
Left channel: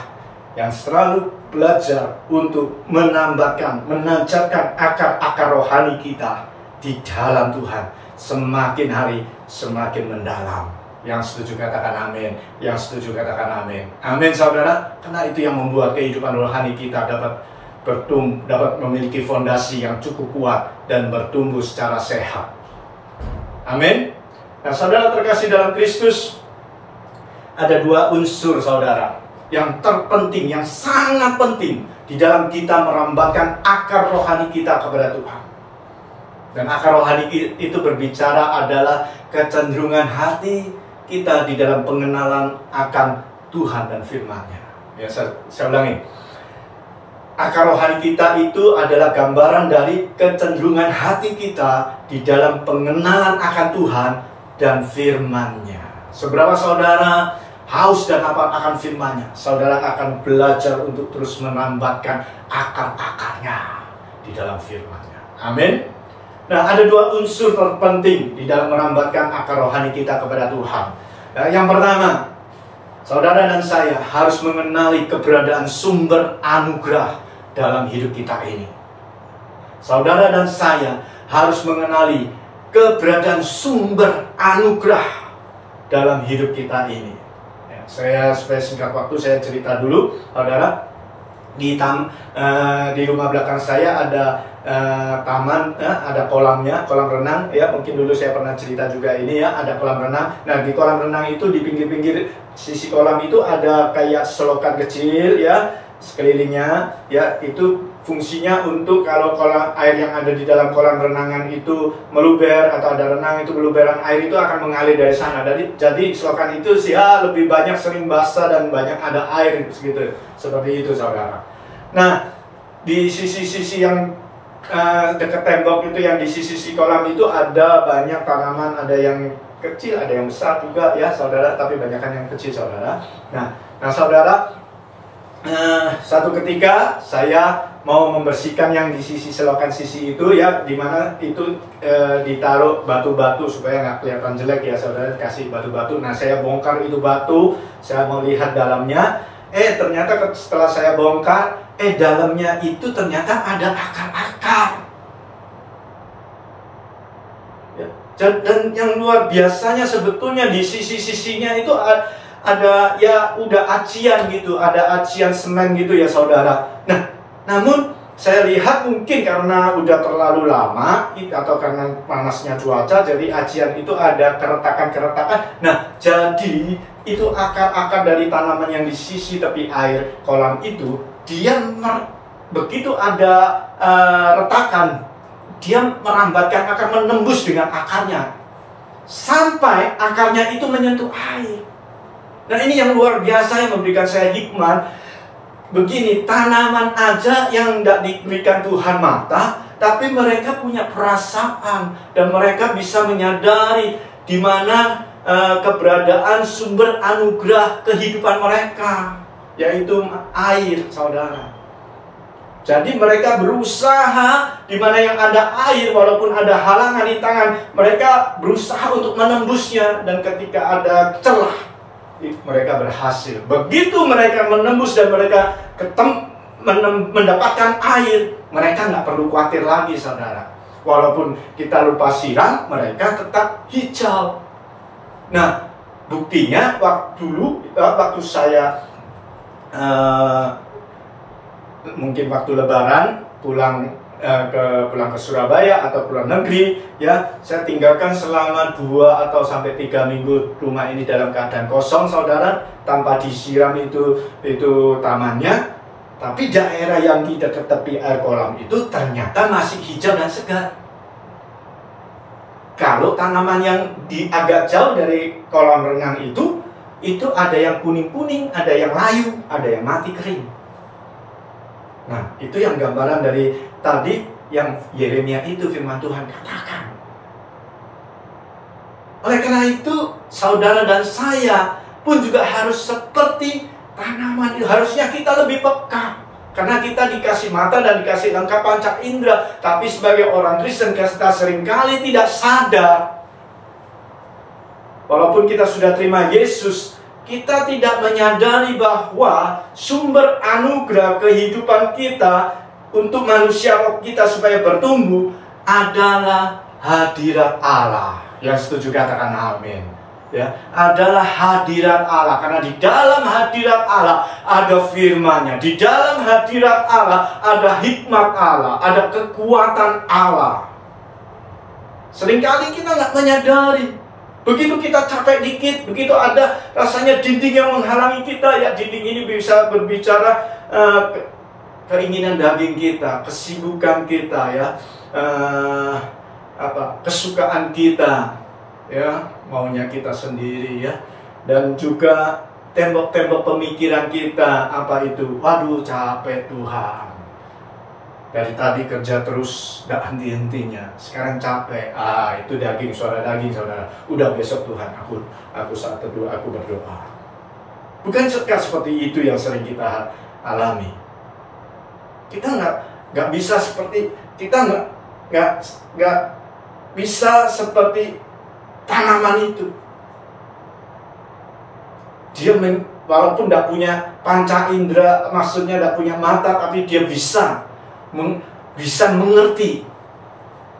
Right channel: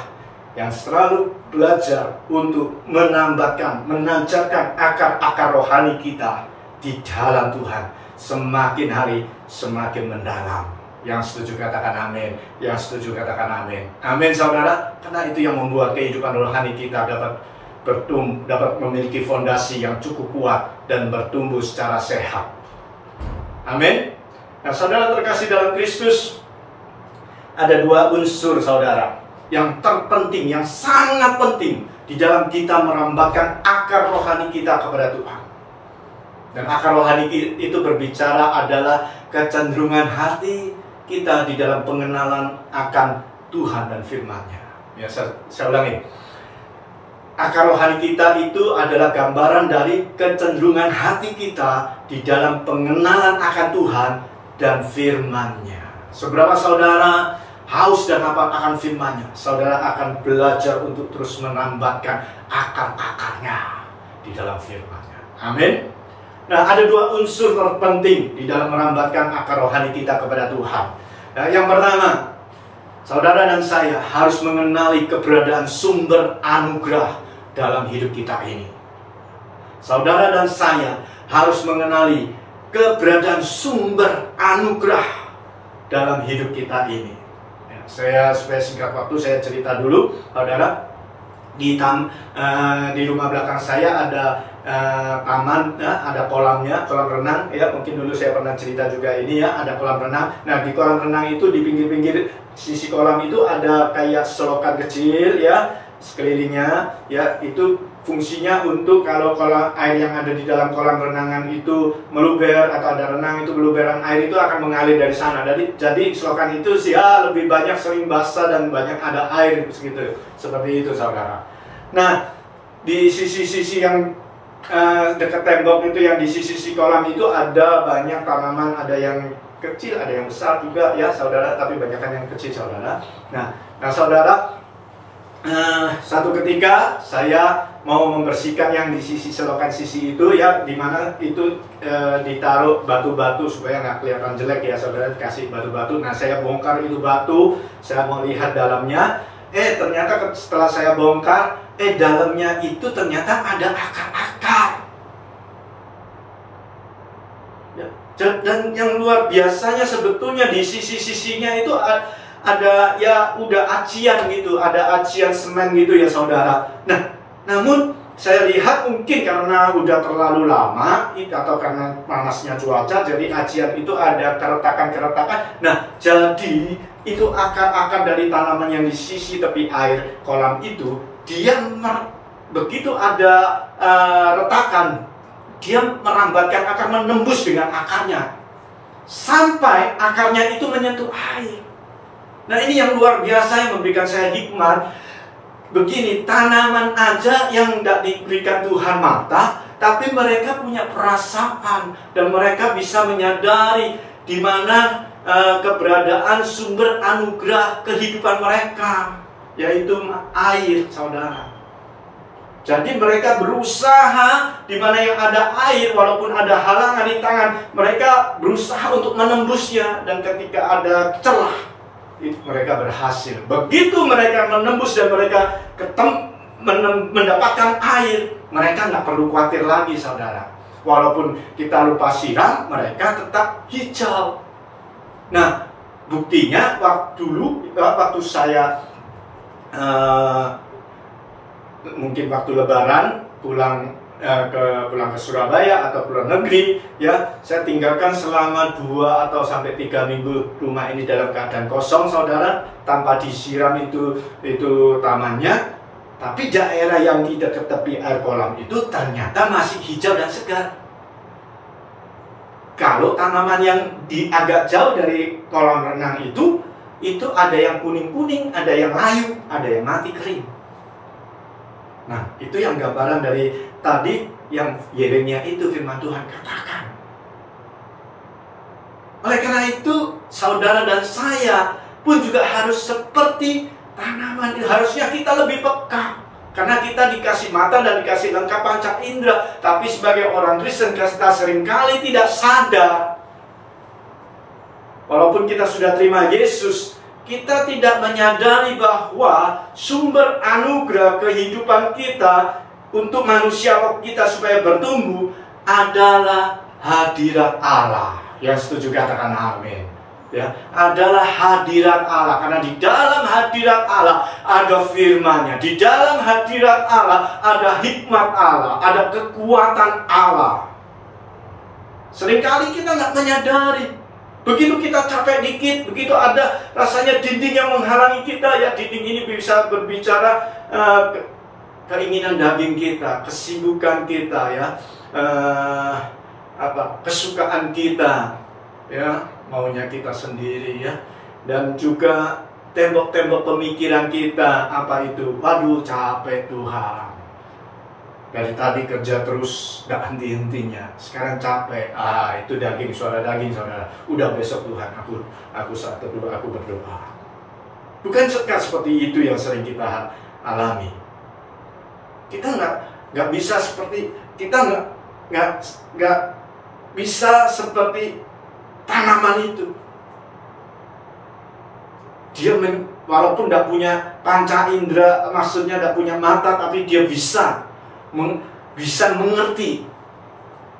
yang selalu belajar untuk menambatkan, menancapkan akar-akar rohani kita di dalam Tuhan. Semakin hari semakin mendalam. Yang setuju katakan amin. Yang setuju katakan amin. Amin, saudara. Karena itu yang membuat kehidupan rohani kita dapat memiliki fondasi yang cukup kuat dan bertumbuh secara sehat. Amin. Nah, saudara terkasih dalam Kristus, ada dua unsur, saudara, yang terpenting, yang sangat penting di dalam kita merambatkan akar rohani kita kepada Tuhan. Dan akar rohani itu berbicara adalah kecenderungan hati kita di dalam pengenalan akan Tuhan dan firman-Nya. Ya, saya ulangi. Akar rohani kita itu adalah gambaran dari kecenderungan hati kita di dalam pengenalan akan Tuhan dan firman-Nya. Seberapa saudara haus dan apa akan firman-Nya, saudara akan belajar untuk terus menambatkan akar-akarnya di dalam firman-Nya. Amin. Nah, ada dua unsur terpenting di dalam merambatkan akar rohani kita kepada Tuhan. Nah, yang pertama, saudara dan saya harus mengenali keberadaan sumber anugerah dalam hidup kita ini. Saudara dan saya harus mengenali keberadaan sumber anugerah dalam hidup kita ini. Ya, saya supaya singkat waktu saya cerita dulu, saudara. Di rumah belakang saya ada taman, ada kolamnya, kolam renang. Ya, mungkin dulu saya pernah cerita juga ini ya, ada kolam renang. Nah, di kolam renang itu di pinggir-pinggir sisi kolam itu ada kayak selokan kecil ya, sekelilingnya ya, itu fungsinya untuk kalau air yang ada di dalam kolam renangan itu meluber atau ada renang itu meluberan air itu akan mengalir dari sana. Jadi selokan itu sih ya lebih banyak sering basah dan banyak ada air segitu. Seperti itu saudara. Nah, di sisi-sisi yang dekat tembok itu, yang di sisi kolam itu ada banyak tanaman, ada yang kecil, ada yang besar juga ya saudara, tapi banyakkan yang kecil saudara. Nah saudara, satu ketika saya mau membersihkan yang di sisi selokan sisi itu ya, dimana itu ditaruh batu-batu supaya nggak kelihatan jelek ya saudara, dikasih batu-batu. Nah, saya bongkar itu batu, saya mau lihat dalamnya. Ternyata setelah saya bongkar, dalamnya itu ternyata ada akar-akar. Ya, dan yang luar biasanya sebetulnya di sisi-sisinya itu ada ya udah acian gitu, ada acian semen gitu ya saudara. Nah, namun saya lihat mungkin karena udah terlalu lama atau karena panasnya cuaca, jadi acian itu ada keretakan-keretakan. Nah, jadi itu akar-akar dari tanaman yang di sisi tepi air kolam itu, dia begitu ada retakan, dia merambatkan akar, menembus dengan akarnya sampai akarnya itu menyentuh air. Nah, ini yang luar biasa yang memberikan saya hikmat. Begini, tanaman aja yang tidak diberikan Tuhan mata, tapi mereka punya perasaan dan mereka bisa menyadari di mana keberadaan sumber anugerah kehidupan mereka, yaitu air, saudara. Jadi mereka berusaha di mana yang ada air, walaupun ada halangan di tangan, mereka berusaha untuk menembusnya, dan ketika ada celah, mereka berhasil. Begitu mereka menembus dan mereka mendapatkan air, mereka nggak perlu khawatir lagi, saudara. Walaupun kita lupa siram, mereka tetap hijau. Nah, buktinya waktu saya mungkin waktu Lebaran pulang ke Surabaya atau ke luar negeri ya, saya tinggalkan selama 2 atau sampai 3 minggu rumah ini dalam keadaan kosong, saudara, tanpa disiram itu tamannya. Tapi daerah yang di dekat tepi air kolam itu ternyata masih hijau dan segar. Kalau tanaman yang agak jauh dari kolam renang itu ada yang kuning-kuning, ada yang layu, ada yang mati kering. Nah, itu yang gambaran dari tadi yang Yeremia itu firman Tuhan katakan. Oleh karena itu, saudara dan saya pun juga harus seperti tanaman itu. Harusnya kita lebih peka, karena kita dikasih mata dan dikasih lengkap panca indera. Tapi sebagai orang Kristen, kita seringkali tidak sadar. Walaupun kita sudah terima Yesus, kita tidak menyadari bahwa sumber anugerah kehidupan kita untuk manusia kita supaya bertumbuh adalah hadirat Allah. Yang setuju katakan amin. Ya, adalah hadirat Allah, karena di dalam hadirat Allah ada firman-Nya, di dalam hadirat Allah ada hikmat Allah, ada kekuatan Allah. Seringkali kita nggak menyadari. Begitu kita capek dikit, begitu ada rasanya dinding yang menghalangi kita, ya dinding ini bisa berbicara keinginan daging kita, kesibukan kita, ya kesukaan kita, ya maunya kita sendiri, ya, dan juga tembok-tembok pemikiran kita, apa itu? Waduh, capek Tuhan. Dari tadi kerja terus gak henti-hentinya, sekarang capek. Itu daging, suara daging, saudara. Udah besok Tuhan, aku saat teduh, aku berdoa. Bukan seperti itu yang sering kita alami. Kita nggak bisa seperti, kita nggak bisa seperti tanaman itu. Dia walaupun tidak punya panca indera, maksudnya tidak punya mata, tapi dia bisa mengerti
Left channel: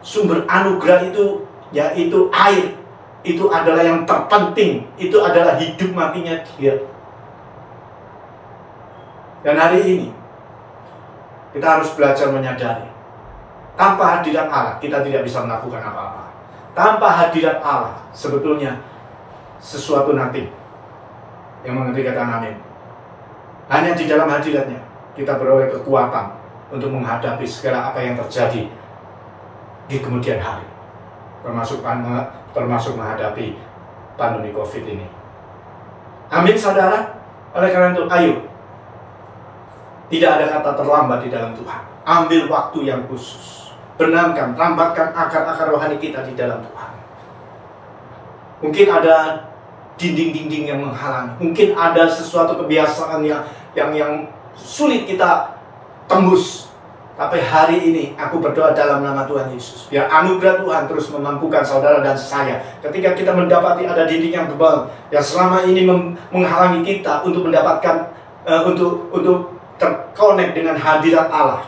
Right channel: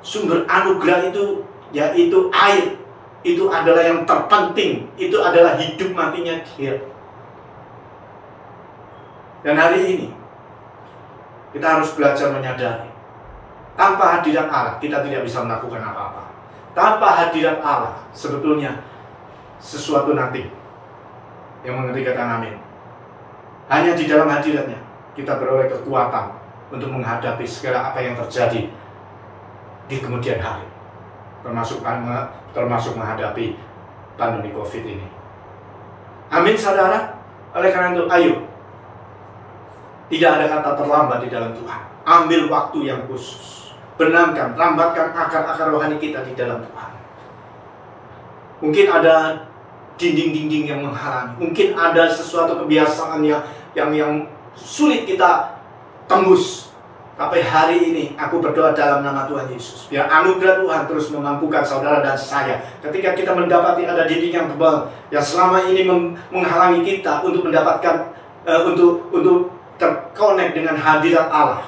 sumber anugerah itu, yaitu air. itu adalah yang terpenting, itu adalah hidup matinya dia. Dan hari ini kita harus belajar menyadari, tanpa hadirat Allah kita tidak bisa melakukan apa-apa. Tanpa hadirat Allah sebetulnya sesuatu nanti. Yang mengerti kata amin. Hanya di dalam hadiratnya kita beroleh kekuatan untuk menghadapi segala apa yang terjadi di kemudian hari, termasuk menghadapi pandemi COVID ini. Amin, saudara. Oleh karena itu, ayo, tidak ada kata terlambat di dalam Tuhan. Ambil waktu yang khusus, benamkan, rambatkan akar-akar rohani kita di dalam Tuhan. Mungkin ada dinding-dinding yang menghalangi, mungkin ada sesuatu kebiasaan yang sulit kita tembus. Tapi hari ini aku berdoa dalam nama Tuhan Yesus, biar anugerah Tuhan terus memampukan saudara dan saya. Ketika kita mendapati ada dinding yang tebal yang selama ini menghalangi kita untuk mendapatkan untuk terkonek dengan hadirat Allah.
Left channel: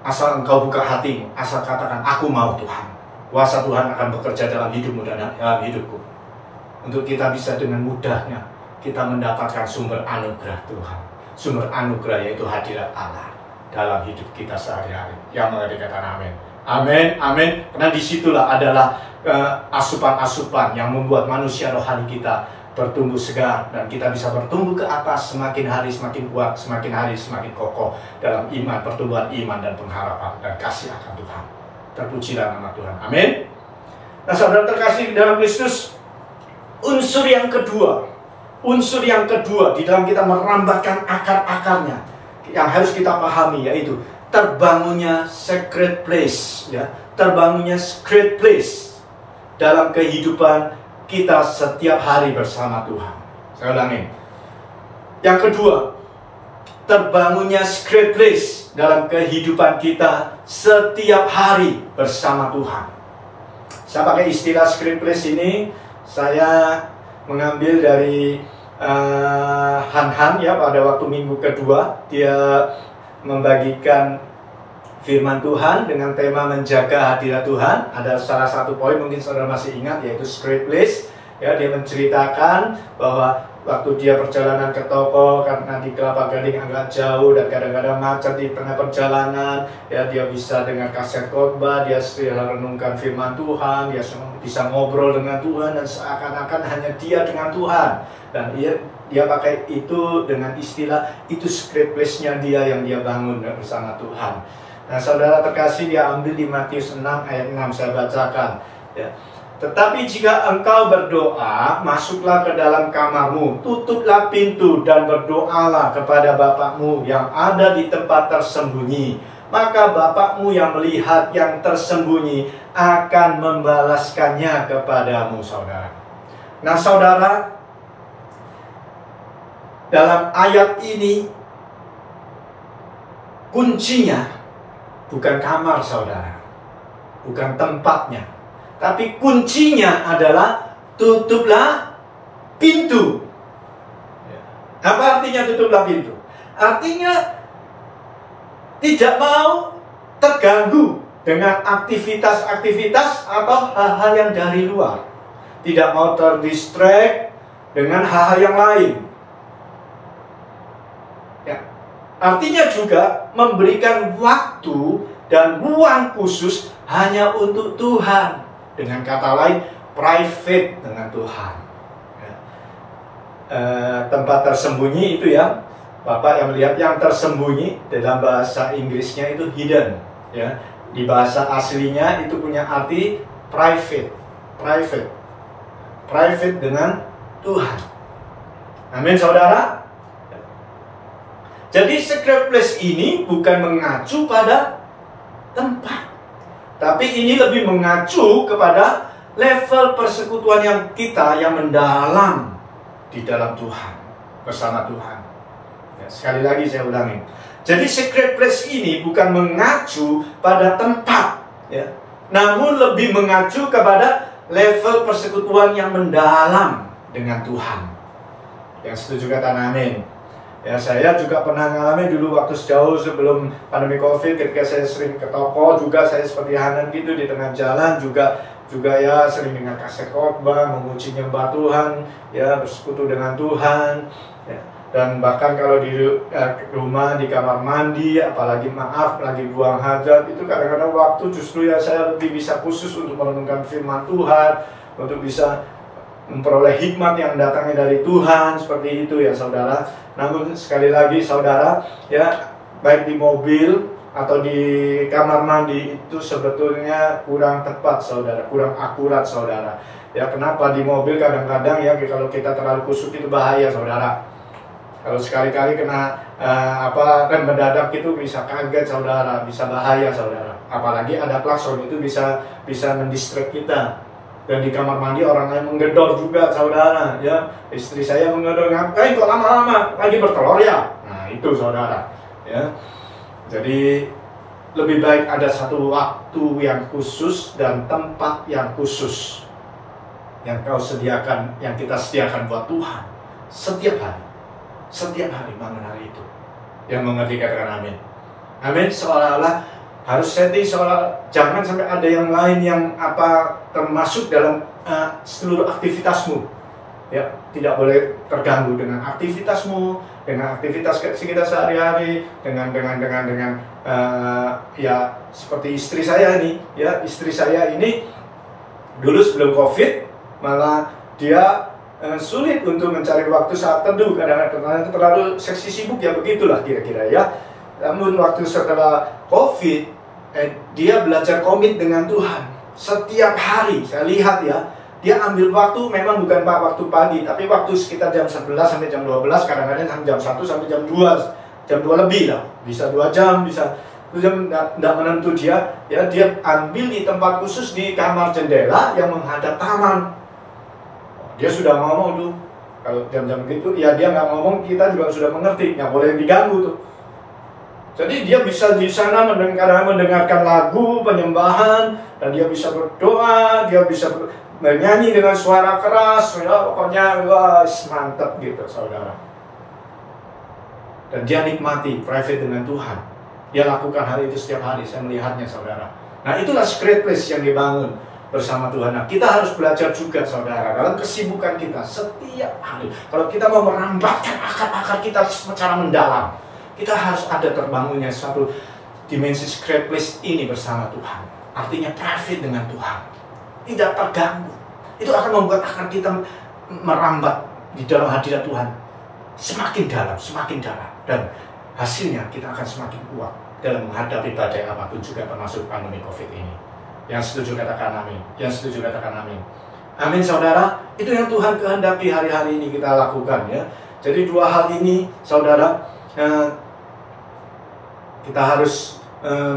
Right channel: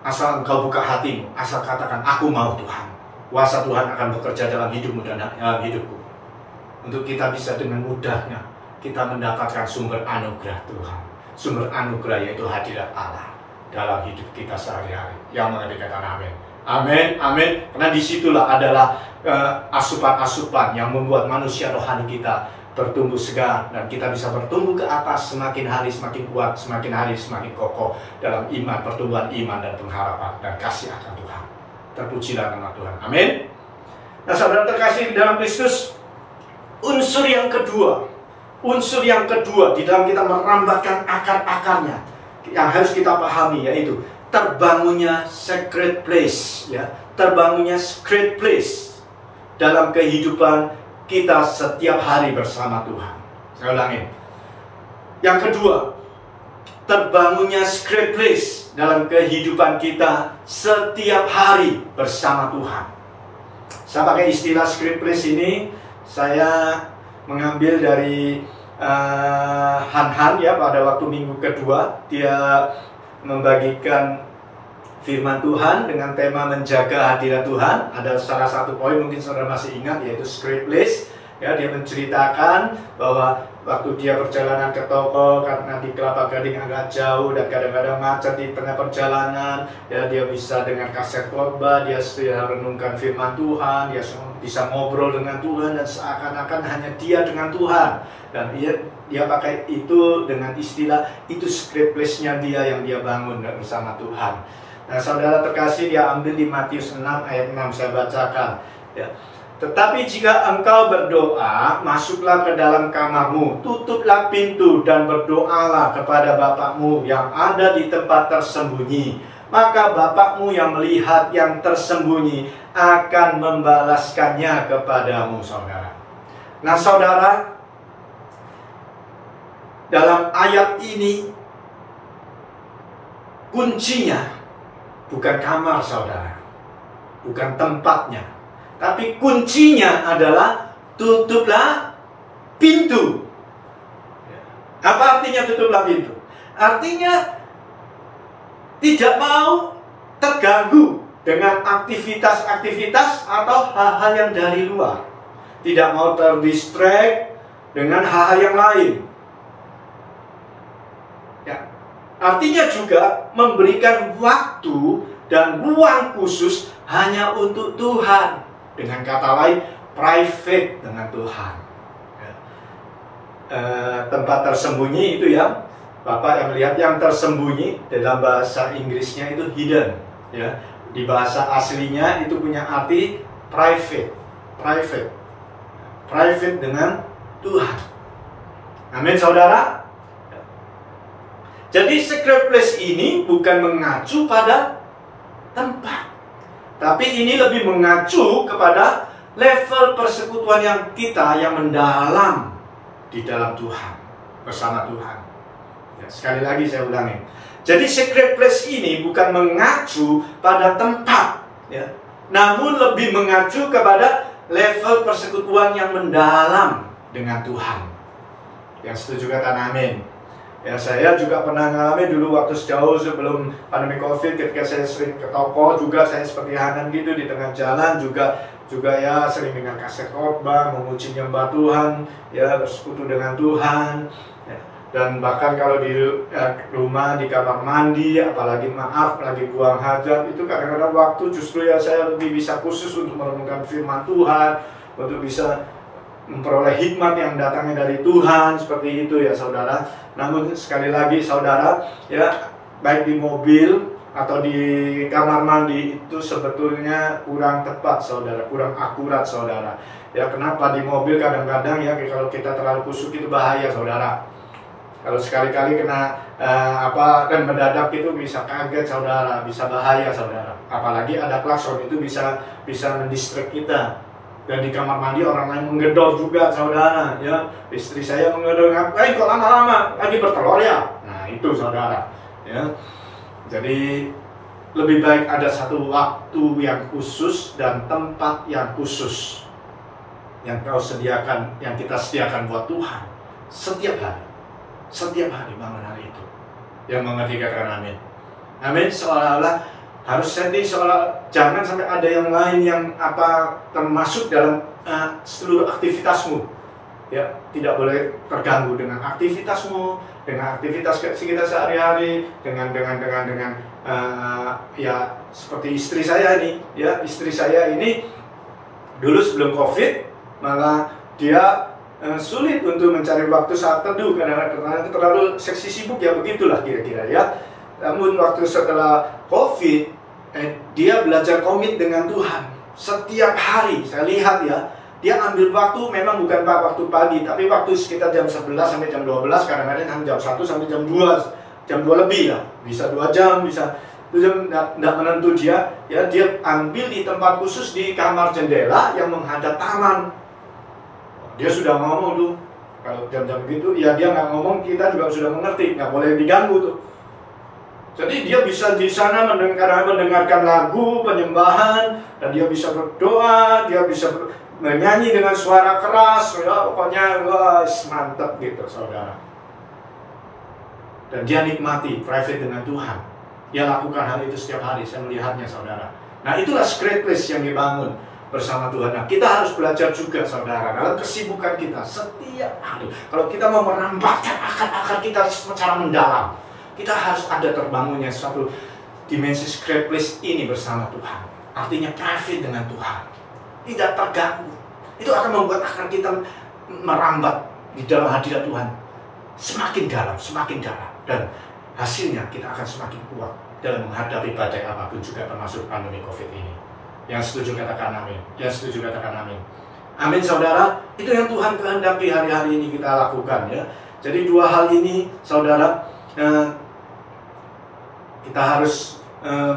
Asal engkau buka hatimu, asal katakan aku mau Tuhan. Kuasa Tuhan akan bekerja dalam hidupmu dan dalam hidupku. Untuk kita bisa dengan mudahnya kita mendapatkan sumber anugerah Tuhan. Sumber anugerah yaitu hadirat Allah dalam hidup kita sehari-hari. Yang mengerti kata amin. Amin, amin. Karena disitulah adalah asupan-asupan yang membuat manusia rohani kita bertumbuh segar. Dan kita bisa bertumbuh ke atas semakin hari semakin kuat, semakin hari semakin kokoh dalam iman, pertumbuhan iman dan pengharapan dan kasih akan Tuhan. Terpujilah nama Tuhan. Amin. Nah, saudara terkasih dalam Kristus, unsur yang kedua di dalam kita merambatkan akar-akarnya yang harus kita pahami, yaitu terbangunnya sacred place, ya, terbangunnya sacred place dalam kehidupan kita setiap hari bersama Tuhan. Saya ulangi. Yang kedua, terbangunnya sacred place dalam kehidupan kita setiap hari bersama Tuhan. Saya pakai istilah sacred place ini, saya mengambil dari Han ya, pada waktu minggu kedua dia membagikan firman Tuhan dengan tema menjaga hadirat Tuhan. Ada salah satu poin mungkin saudara masih ingat, yaitu sacred place. Ya, dia menceritakan bahwa waktu dia perjalanan ke toko karena di Kelapa Gading agak jauh dan kadang-kadang macet di tengah perjalanan, ya, dia bisa dengar kaset khotbah, dia renungkan firman Tuhan, dia bisa ngobrol dengan Tuhan dan seakan-akan hanya dia dengan Tuhan. Dan dia pakai itu dengan istilah itu sacred place-nya dia yang dia bangun bersama Tuhan. Nah, saudara terkasih, dia ambil di Matius 6 ayat 6, saya bacakan, ya. Tetapi jika engkau berdoa, masuklah ke dalam kamarmu, tutuplah pintu dan berdoalah kepada Bapakmu yang ada di tempat tersembunyi. Maka Bapakmu yang melihat yang tersembunyi akan membalaskannya kepadamu, saudara. Nah, saudara, dalam ayat ini kuncinya bukan kamar, saudara, bukan tempatnya. Tapi kuncinya adalah tutuplah pintu. Apa artinya tutuplah pintu? Artinya tidak mau terganggu dengan aktivitas-aktivitas atau hal-hal yang dari luar. Tidak mau terdistract dengan hal-hal yang lain. Ya. Artinya juga memberikan waktu dan ruang khusus hanya untuk Tuhan. Dengan kata lain, private dengan Tuhan. Ya. Tempat tersembunyi itu ya, Bapak yang melihat yang tersembunyi, dalam bahasa Inggrisnya itu hidden. Ya. Di bahasa aslinya itu punya arti private. Private dengan Tuhan. Amin, saudara. Jadi sacred place ini bukan mengacu pada tempat, tapi ini lebih mengacu kepada level persekutuan yang kita yang mendalam di dalam Tuhan, bersama Tuhan. Ya, sekali lagi saya ulangi. Jadi sacred place ini bukan mengacu pada tempat, ya, namun lebih mengacu kepada level persekutuan yang mendalam dengan Tuhan. Yang setuju kata amin. Ya, saya juga pernah mengalami dulu waktu sejauh sebelum pandemi COVID, ketika saya sering ke toko juga, saya seperti Hanan gitu di tengah jalan juga juga ya sering dengar kaset khotbah, memuji nyembah Tuhan, ya bersekutu dengan Tuhan, ya. Dan bahkan kalau di rumah, di kamar mandi, apalagi lagi buang hajat, itu kadang-kadang waktu justru ya saya lebih bisa khusus untuk merenungkan firman Tuhan, untuk bisa memperoleh hikmat yang datangnya dari Tuhan, seperti itu ya saudara. Namun sekali lagi saudara, ya baik di mobil atau di kamar mandi itu sebetulnya kurang tepat saudara, kurang akurat saudara. Ya kenapa di mobil kadang-kadang ya kalau kita terlalu kusuk itu bahaya saudara. Kalau sekali-kali kena rem mendadak itu bisa kaget saudara, bisa bahaya saudara. Apalagi ada klakson itu bisa mendistract kita. Dan di kamar mandi orang lain menggedor juga saudara, ya istri saya menggedor, kok lama-lama lagi bertelur ya. Nah itu saudara, ya. Jadi lebih baik ada satu waktu yang khusus dan tempat yang khusus yang kita sediakan buat Tuhan setiap hari bangun hari itu. Yang mengerti katakan amin. Amin. Seolah-olah harus setting, jangan sampai ada yang lain yang termasuk dalam seluruh aktivitasmu. Ya, tidak boleh terganggu dengan aktivitasmu, dengan aktivitas kita sehari-hari, dengan ya seperti istri saya ini, ya istri saya ini dulu sebelum COVID malah dia sulit untuk mencari waktu saat teduh karena terlalu seksi sibuk ya begitulah kira-kira ya. Namun waktu setelah COVID dia belajar komit dengan Tuhan setiap hari. Saya lihat ya, dia ambil waktu memang bukan waktu pagi, tapi waktu sekitar jam 11 sampai jam 12, kadang-kadang jam 1 sampai jam 2 lebih lah, bisa 2 jam, bisa 2 jam, tidak menentu dia ambil di tempat khusus di kamar jendela yang menghadap taman. Dia sudah ngomong tuh, kalau jam-jam gitu, ya dia nggak ngomong, kita juga sudah mengerti, nggak boleh diganggu tuh. Jadi dia bisa di sana mendengarkan lagu penyembahan, dan dia bisa berdoa, dia bisa menyanyi dengan suara keras, ya, pokoknya mantap gitu saudara. Dan dia nikmati private dengan Tuhan. Dia lakukan hal itu setiap hari, saya melihatnya saudara. Nah itulah secret place yang dibangun bersama Tuhan. Nah kita harus belajar juga saudara, dalam kesibukan kita setiap hari. Kalau kita mau merambahkan akar-akar kita secara mendalam, kita harus ada terbangunnya suatu dimensi secret place ini bersama Tuhan. Artinya private dengan Tuhan, tidak terganggu. Itu akan membuat akar kita merambat di dalam hadirat Tuhan semakin dalam, dan hasilnya kita akan semakin kuat dalam menghadapi badai apapun, juga termasuk pandemi COVID ini. Yang setuju katakan amin. Yang setuju katakan amin. Amin saudara. Itu yang Tuhan kehendaki hari-hari ini kita lakukan ya. Jadi dua hal ini saudara, kita harus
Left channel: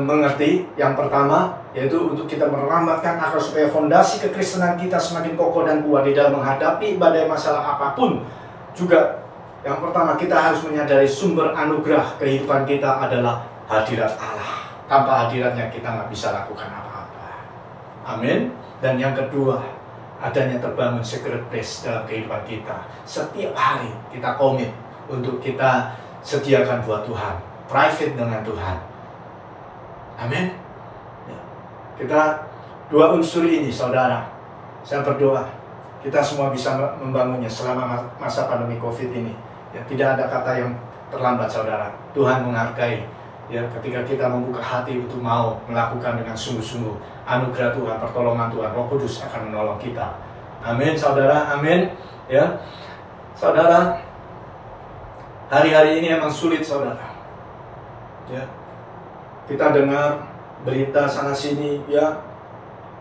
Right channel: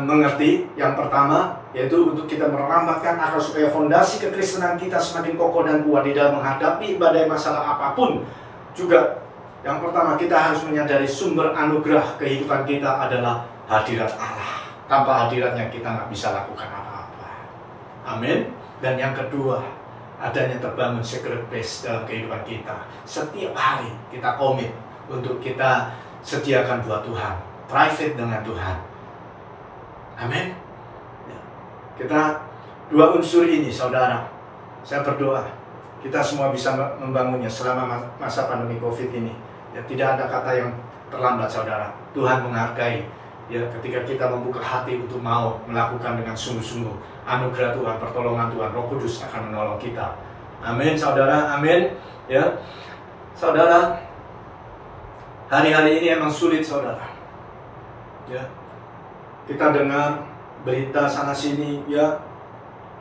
mengerti. Yang pertama yaitu untuk kita merambatkan akar supaya fondasi kekristenan kita semakin kokoh dan kuat di dalam menghadapi badai masalah apapun. Juga yang pertama kita harus menyadari sumber anugerah kehidupan kita adalah hadirat Allah. Tanpa hadiratnya kita nggak bisa lakukan apa-apa. Amin. Dan yang kedua, adanya terbangun secret place dalam kehidupan kita. Setiap hari kita komit untuk kita sediakan buat Tuhan, private dengan Tuhan. Amin. Ya. Kita dua unsur ini saudara, saya berdoa kita semua bisa membangunnya selama masa pandemi COVID ini. Ya, tidak ada kata yang terlambat saudara. Tuhan menghargai ya ketika kita membuka hati untuk mau melakukan dengan sungguh-sungguh. Anugerah Tuhan, pertolongan Tuhan, Roh Kudus akan menolong kita. Amin saudara, amin. Ya, saudara, hari-hari ini emang sulit saudara. Ya, kita dengar berita sana sini ya,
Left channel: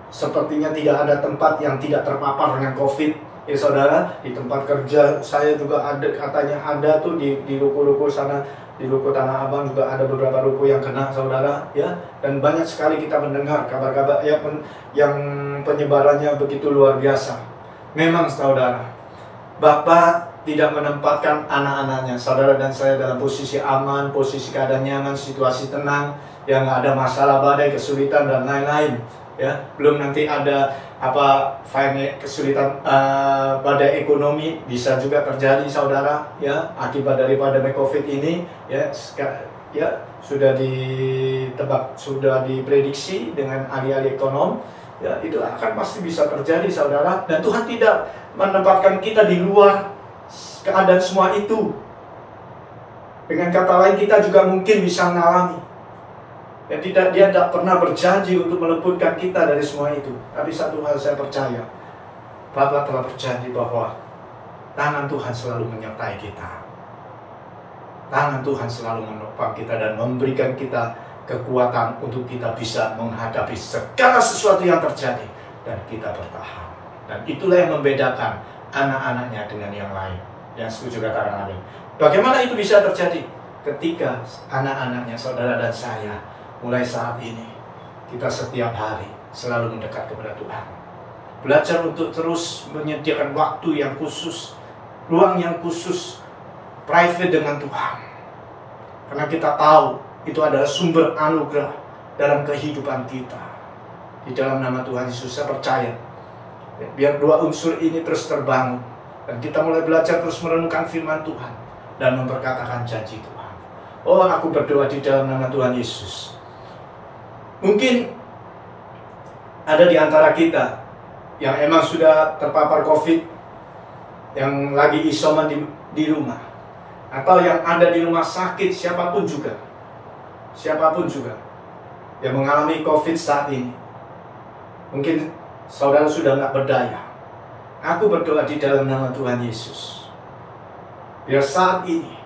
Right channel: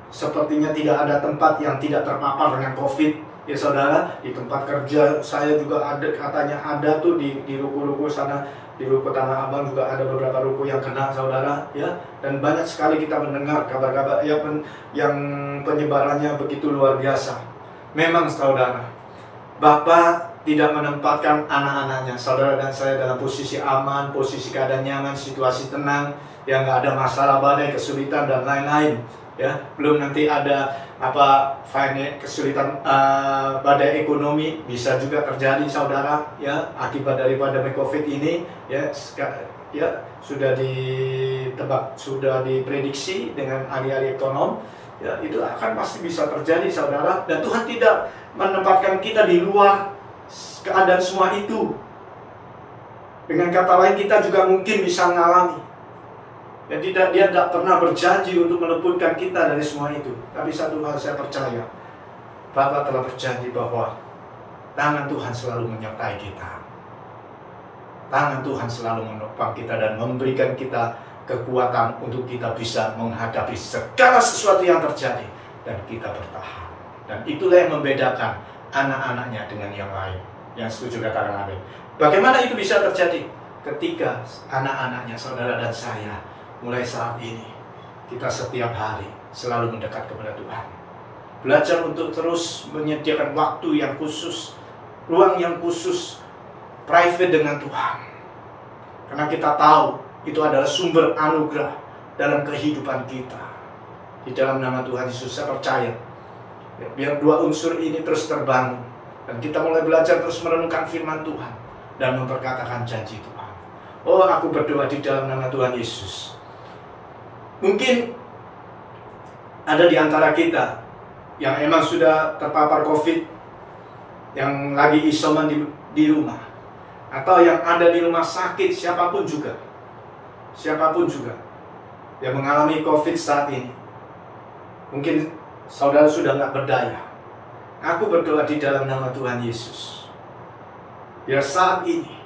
sepertinya tidak ada tempat yang tidak terpapar dengan COVID. Ya saudara, di tempat kerja saya juga ada, katanya ada tuh di ruko-ruko sana, di ruko Tanah Abang juga ada beberapa ruko yang kena saudara ya. Dan banyak sekali kita mendengar kabar-kabar ya yang penyebarannya begitu luar biasa. Memang saudara, Bapak tidak menempatkan anak-anaknya, saudara dan saya dalam posisi aman, posisi keadaan nyaman, situasi tenang, yang nggak ada masalah badai, kesulitan dan lain-lain. Ya, belum nanti ada kesulitan badai ekonomi bisa juga terjadi saudara ya akibat daripada COVID ini ya sudah ditebak, sudah diprediksi dengan ahli-ahli ekonom Ya, itu akan pasti bisa terjadi, saudara. Dan Tuhan tidak menempatkan kita di luar keadaan semua itu. Dengan kata lain, kita juga mungkin bisa mengalami. Dan dia tidak pernah berjanji untuk meluputkan kita dari semua itu. Tapi satu hal saya percaya, Bapa telah berjanji bahwa tangan Tuhan selalu menyertai kita. Tangan Tuhan selalu menopang kita dan memberikan kita kekuatan untuk kita bisa menghadapi segala sesuatu yang terjadi dan kita bertahan. Dan itulah yang membedakan anak-anaknya dengan yang lain. Yang setuju katakan amin. Bagaimana itu bisa terjadi? Ketika anak-anaknya, saudara dan saya, mulai saat ini kita setiap hari selalu mendekat kepada Tuhan. Belajar untuk terus menyediakan waktu yang khusus, ruang yang khusus, private dengan Tuhan. Karena kita tahu itu adalah sumber anugerah dalam kehidupan kita. Di dalam nama Tuhan Yesus, saya percaya, ya, biar dua unsur ini terus terbangun. Dan kita mulai belajar terus merenungkan firman Tuhan. Dan memperkatakan janji Tuhan. Oh, aku berdoa di dalam nama Tuhan Yesus. Mungkin ada di antara kita yang emang sudah terpapar COVID, yang lagi isoman di rumah. Atau yang ada di rumah sakit, siapapun juga yang mengalami COVID saat ini. Mungkin saudara sudah nggak berdaya. Aku berdoa di dalam nama Tuhan Yesus. Biar saat ini,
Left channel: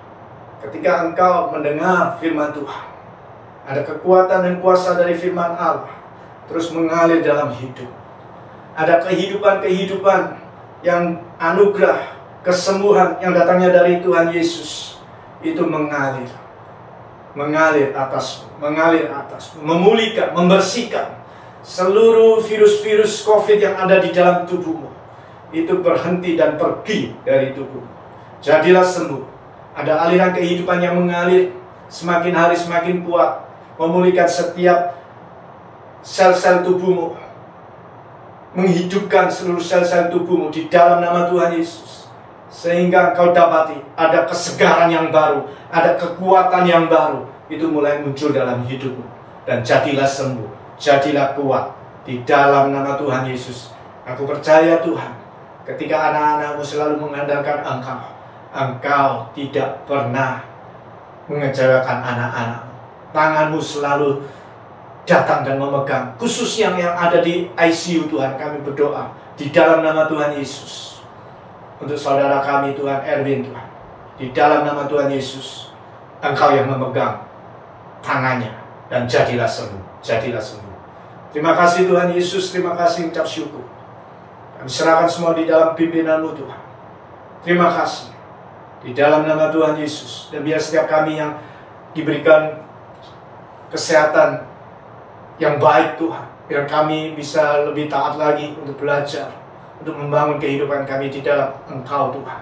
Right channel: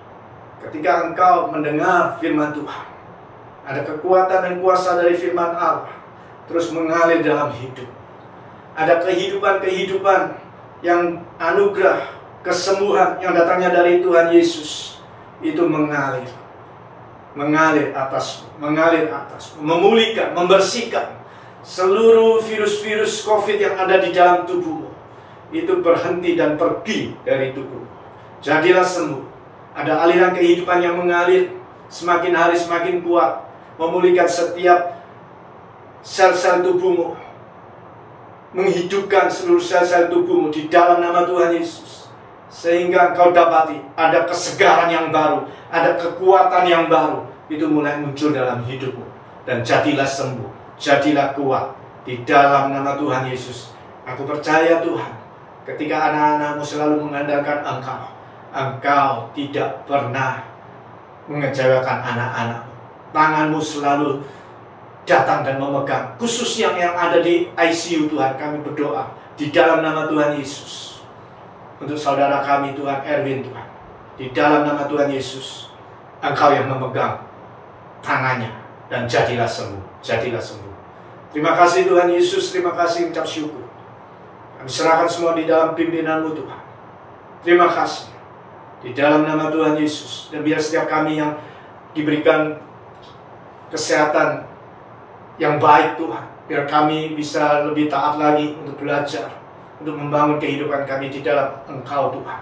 ketika engkau mendengar firman Tuhan, ada kekuatan dan kuasa dari firman Allah terus mengalir dalam hidup. Ada kehidupan yang anugerah, kesembuhan yang datangnya dari Tuhan Yesus itu mengalir atas, memulihkan, membersihkan seluruh virus-virus COVID yang ada di dalam tubuhmu. Itu berhenti dan pergi dari tubuhmu. Jadilah sembuh. Ada aliran kehidupan yang mengalir semakin hari semakin kuat, memulihkan setiap sel-sel tubuhmu, menghidupkan seluruh sel-sel tubuhmu di dalam nama Tuhan Yesus. Sehingga engkau dapati ada kesegaran yang baru, ada kekuatan yang baru. Itu mulai muncul dalam hidupmu. Dan jadilah sembuh, jadilah kuat di dalam nama Tuhan Yesus. Aku percaya Tuhan, ketika anak-anakmu selalu mengandalkan Engkau tidak pernah mengecewakan anak-anakmu. Tanganmu selalu datang dan memegang. Khusus yang ada di ICU Tuhan, kami berdoa di dalam nama Tuhan Yesus. Untuk saudara kami Tuhan Erwin Tuhan, di dalam nama Tuhan Yesus, Engkau yang memegang tangannya dan jadilah sembuh, jadilah sembuh. Terima kasih Tuhan Yesus, terima kasih, ucap syukur. Kami serahkan semua di dalam pimpinan-Mu Tuhan. Terima kasih di dalam nama Tuhan Yesus. Dan biar setiap kami yang diberikan kesehatan yang baik Tuhan, biar kami bisa lebih taat lagi untuk belajar, untuk membangun kehidupan kami di dalam Engkau Tuhan.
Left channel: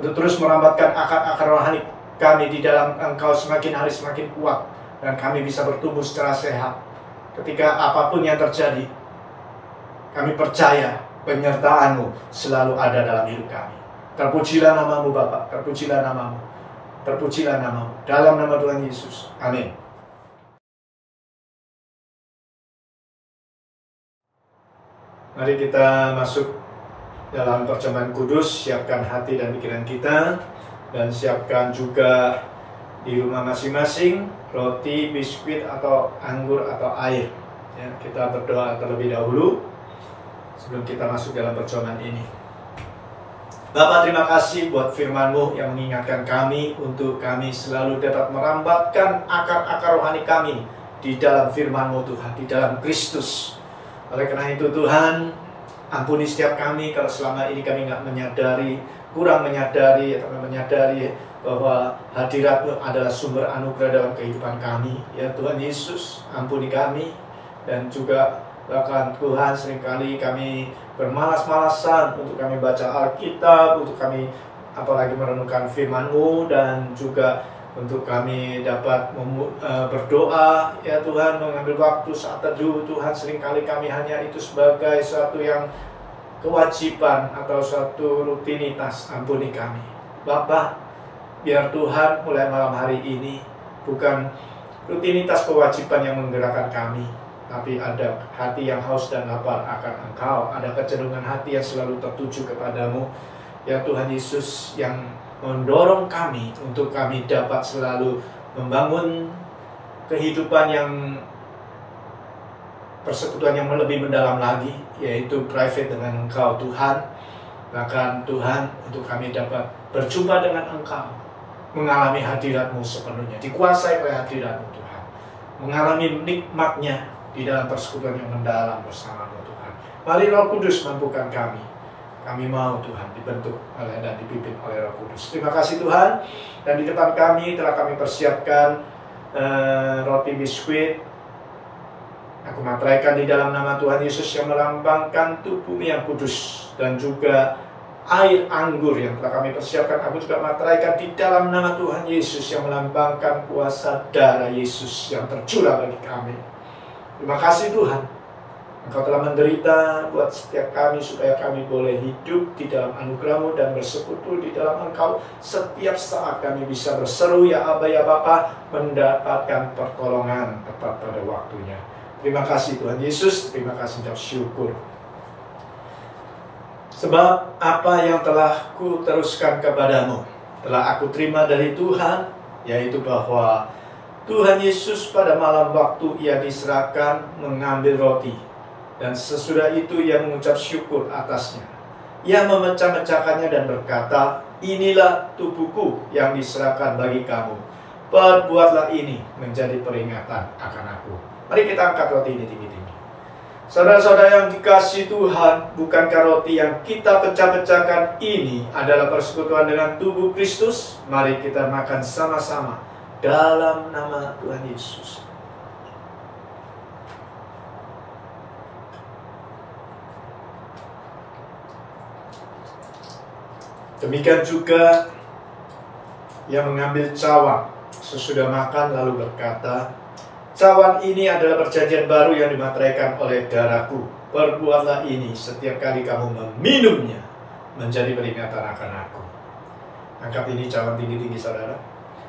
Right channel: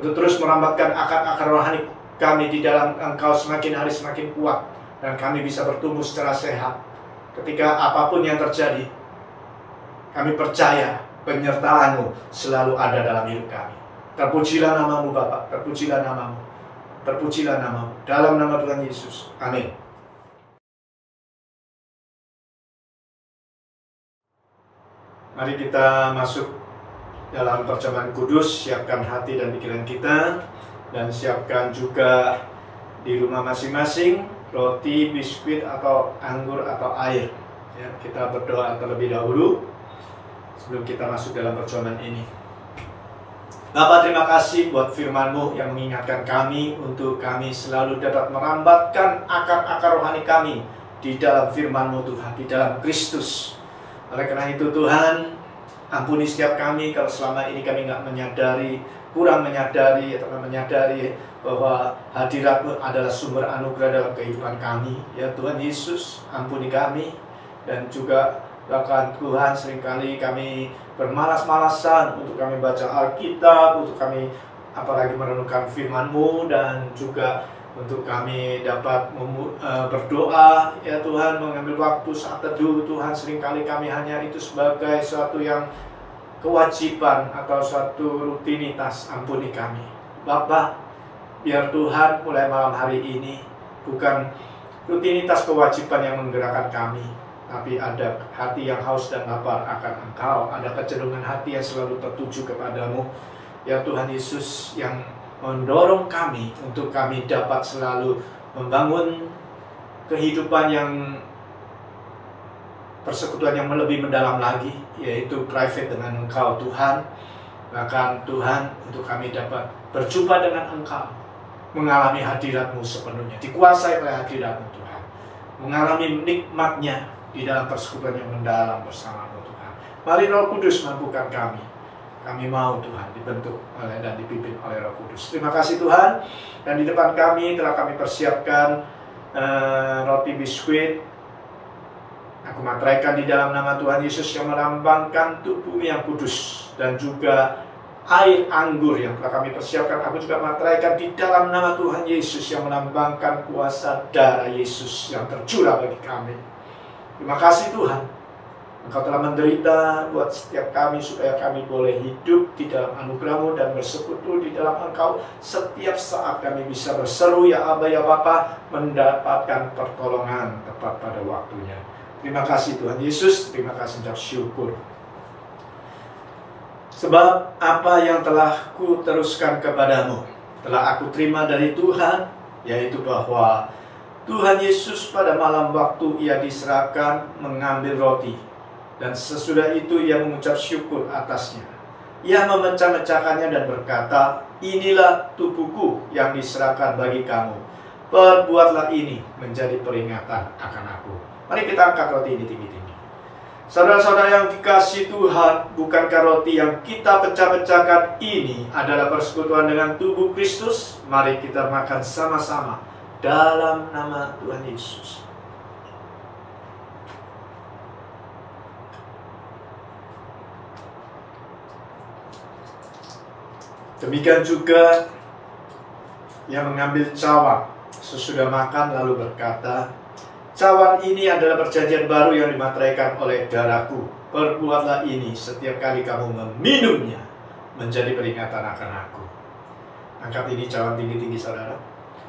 Untuk terus merambatkan akar-akar rohani kami di dalam Engkau semakin hari semakin kuat. Dan kami bisa bertumbuh secara sehat. Ketika apapun yang terjadi, kami percaya penyertaan-Mu selalu ada dalam hidup kami. Terpujilah nama-Mu Bapa, terpujilah nama-Mu, terpujilah nama-Mu. Dalam nama Tuhan Yesus. Amin. Mari kita masuk dalam perjamuan kudus, siapkan hati dan pikiran kita, dan siapkan juga di rumah masing-masing roti, biskuit, atau anggur, atau air. Ya, kita berdoa terlebih dahulu sebelum kita masuk dalam perjamuan ini. Bapa, terima kasih buat firman-Mu yang mengingatkan kami untuk kami selalu dapat merambatkan akar-akar rohani kami di dalam firman-Mu Tuhan, di dalam Kristus. Oleh karena itu Tuhan, ampuni setiap kami kalau selama ini kami nggak menyadari, kurang menyadari atau menyadari bahwa hadirat-Mu adalah sumber anugerah dalam kehidupan kami. Ya Tuhan Yesus, ampuni kami. Dan juga bahkan Tuhan, seringkali kami bermalas-malasan untuk kami baca Alkitab, untuk kami apalagi merenungkan firman-Mu, dan juga untuk kami dapat berdoa, ya Tuhan, mengambil waktu saat teduh. Tuhan, seringkali kami hanya itu sebagai suatu yang kewajiban atau suatu rutinitas. Ampuni kami Bapa, biar Tuhan mulai malam hari ini bukan rutinitas kewajiban yang menggerakkan kami, tapi ada hati yang haus dan lapar akan Engkau, ada kecenderungan hati yang selalu tertuju kepadamu. Ya Tuhan Yesus, yang mendorong kami untuk kami dapat selalu membangun kehidupan yang persekutuan yang lebih mendalam lagi, yaitu private dengan Engkau Tuhan. Bahkan Tuhan, untuk kami dapat berjumpa dengan Engkau, mengalami hadirat-Mu sepenuhnya, dikuasai oleh hadirat-Mu Tuhan, mengalami nikmatnya di dalam persekutuan yang mendalam bersama-Mu Tuhan. Mari Roh Kudus mampukan kami. Kami mau Tuhan dibentuk oleh dan dipimpin oleh Roh Kudus. Terima kasih Tuhan. Dan di depan kami telah kami persiapkan roti biskuit. Aku materaikan di dalam nama Tuhan Yesus yang melambangkan tubuh yang kudus, dan juga air anggur yang telah kami persiapkan. Aku juga materaikan di dalam nama Tuhan Yesus yang melambangkan kuasa darah Yesus yang tercurah bagi kami. Terima kasih Tuhan, Engkau telah menderita buat setiap kami supaya kami boleh hidup di dalam anugerah-Mu dan bersekutu di dalam Engkau. Setiap saat kami bisa berseru, ya Aba, ya Bapa, mendapatkan pertolongan tepat pada waktunya. Terima kasih Tuhan Yesus, terima kasih, ucap syukur. Sebab apa yang telah ku teruskan kepadamu telah aku terima dari Tuhan, yaitu bahwa Tuhan Yesus pada malam waktu Ia diserahkan mengambil roti, dan sesudah itu Ia mengucap syukur atasnya. Ia memecah-mecahkannya dan berkata, inilah tubuhku yang diserahkan bagi kamu. Perbuatlah ini menjadi peringatan akan aku. Mari kita angkat roti ini tinggi-tinggi. Saudara-saudara yang dikasihi Tuhan, bukankah roti yang kita pecah-pecahkan ini adalah persekutuan dengan tubuh Kristus? Mari kita makan sama-sama dalam nama Tuhan Yesus. Demikian juga yang mengambil cawan sesudah makan lalu berkata, cawan ini adalah perjanjian baru yang dimateraikan oleh darahku. Perbuatlah ini setiap kali kamu meminumnya menjadi peringatan akan aku. Angkat ini cawan tinggi-tinggi saudara.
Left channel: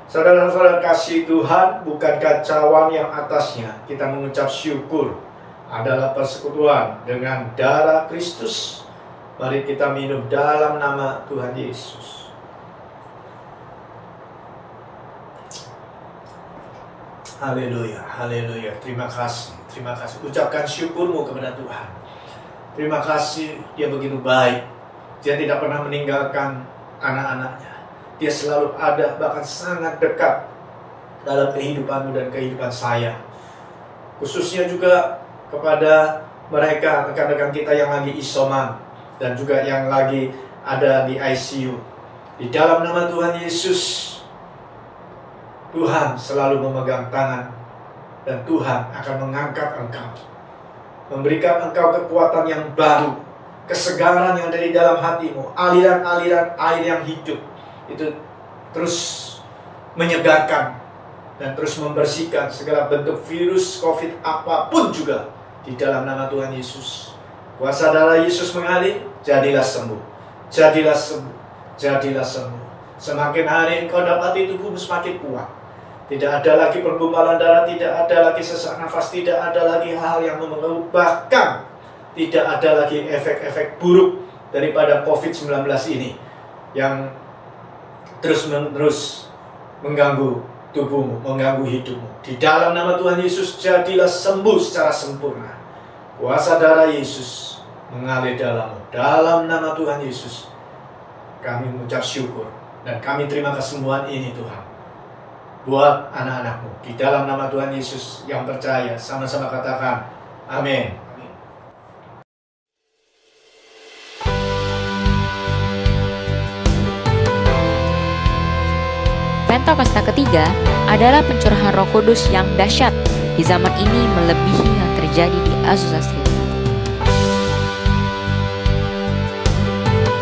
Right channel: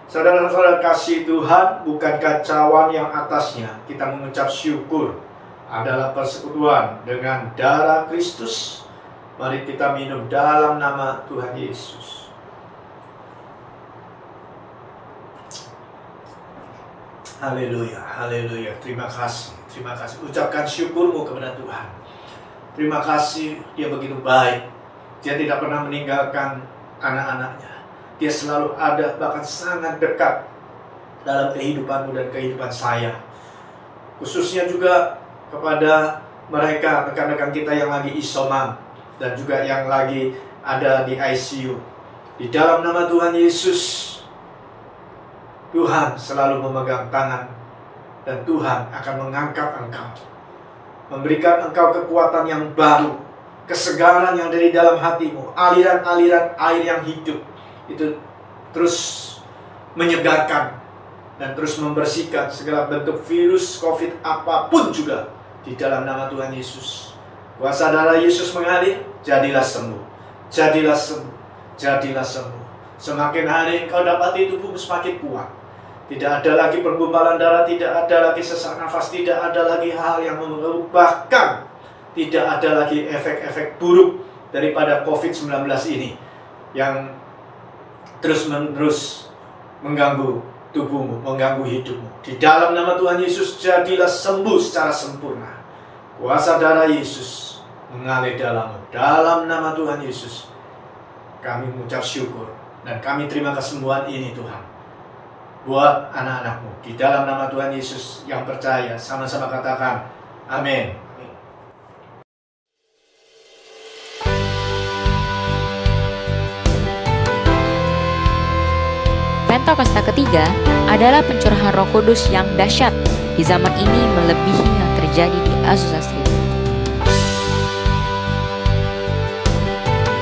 Saudara-saudara kasih Tuhan, bukankah cawan yang atasnya kita mengucap syukur adalah persekutuan dengan darah Kristus? Mari kita minum dalam nama Tuhan Yesus. Haleluya, haleluya. Terima kasih, terima kasih. Ucapkan syukurmu kepada Tuhan. Terima kasih, Dia begitu baik. Dia tidak pernah meninggalkan anak-anaknya. Dia selalu ada, bahkan sangat dekat dalam kehidupanmu dan kehidupan saya. Khususnya juga kepada mereka, rekan-rekan kita yang lagi isoman, dan juga yang lagi ada di ICU. Di dalam nama Tuhan Yesus, Tuhan selalu memegang tangan, dan Tuhan akan mengangkat engkau, memberikan engkau kekuatan yang baru, kesegaran yang dari dalam hatimu, aliran-aliran air yang hidup itu terus menyegarkan dan terus membersihkan segala bentuk virus COVID apapun juga di dalam nama Tuhan Yesus. Kuasa darah Yesus mengalir, jadilah sembuh, jadilah sembuh, jadilah sembuh. Semakin hari kau dapati tubuhmu semakin kuat. Tidak ada lagi pergumpalan darah, tidak ada lagi sesak nafas, tidak ada lagi hal yang mengganggu, bahkan tidak ada lagi efek-efek buruk daripada COVID-19 ini yang terus-menerus mengganggu tubuhmu, mengganggu hidupmu. Di dalam nama Tuhan Yesus, jadilah sembuh secara sempurna. Kuasa darah Yesus mengalir dalammu. Dalam nama Tuhan Yesus, kami mengucap syukur dan kami terima kesembuhan ini Tuhan, buat anak-anakmu. Di dalam nama Tuhan Yesus yang percaya, sama-sama katakan amin. Pentakosta ketiga adalah pencurahan Roh Kudus yang dahsyat di zaman ini, melebihi yang terjadi di Azusa Street.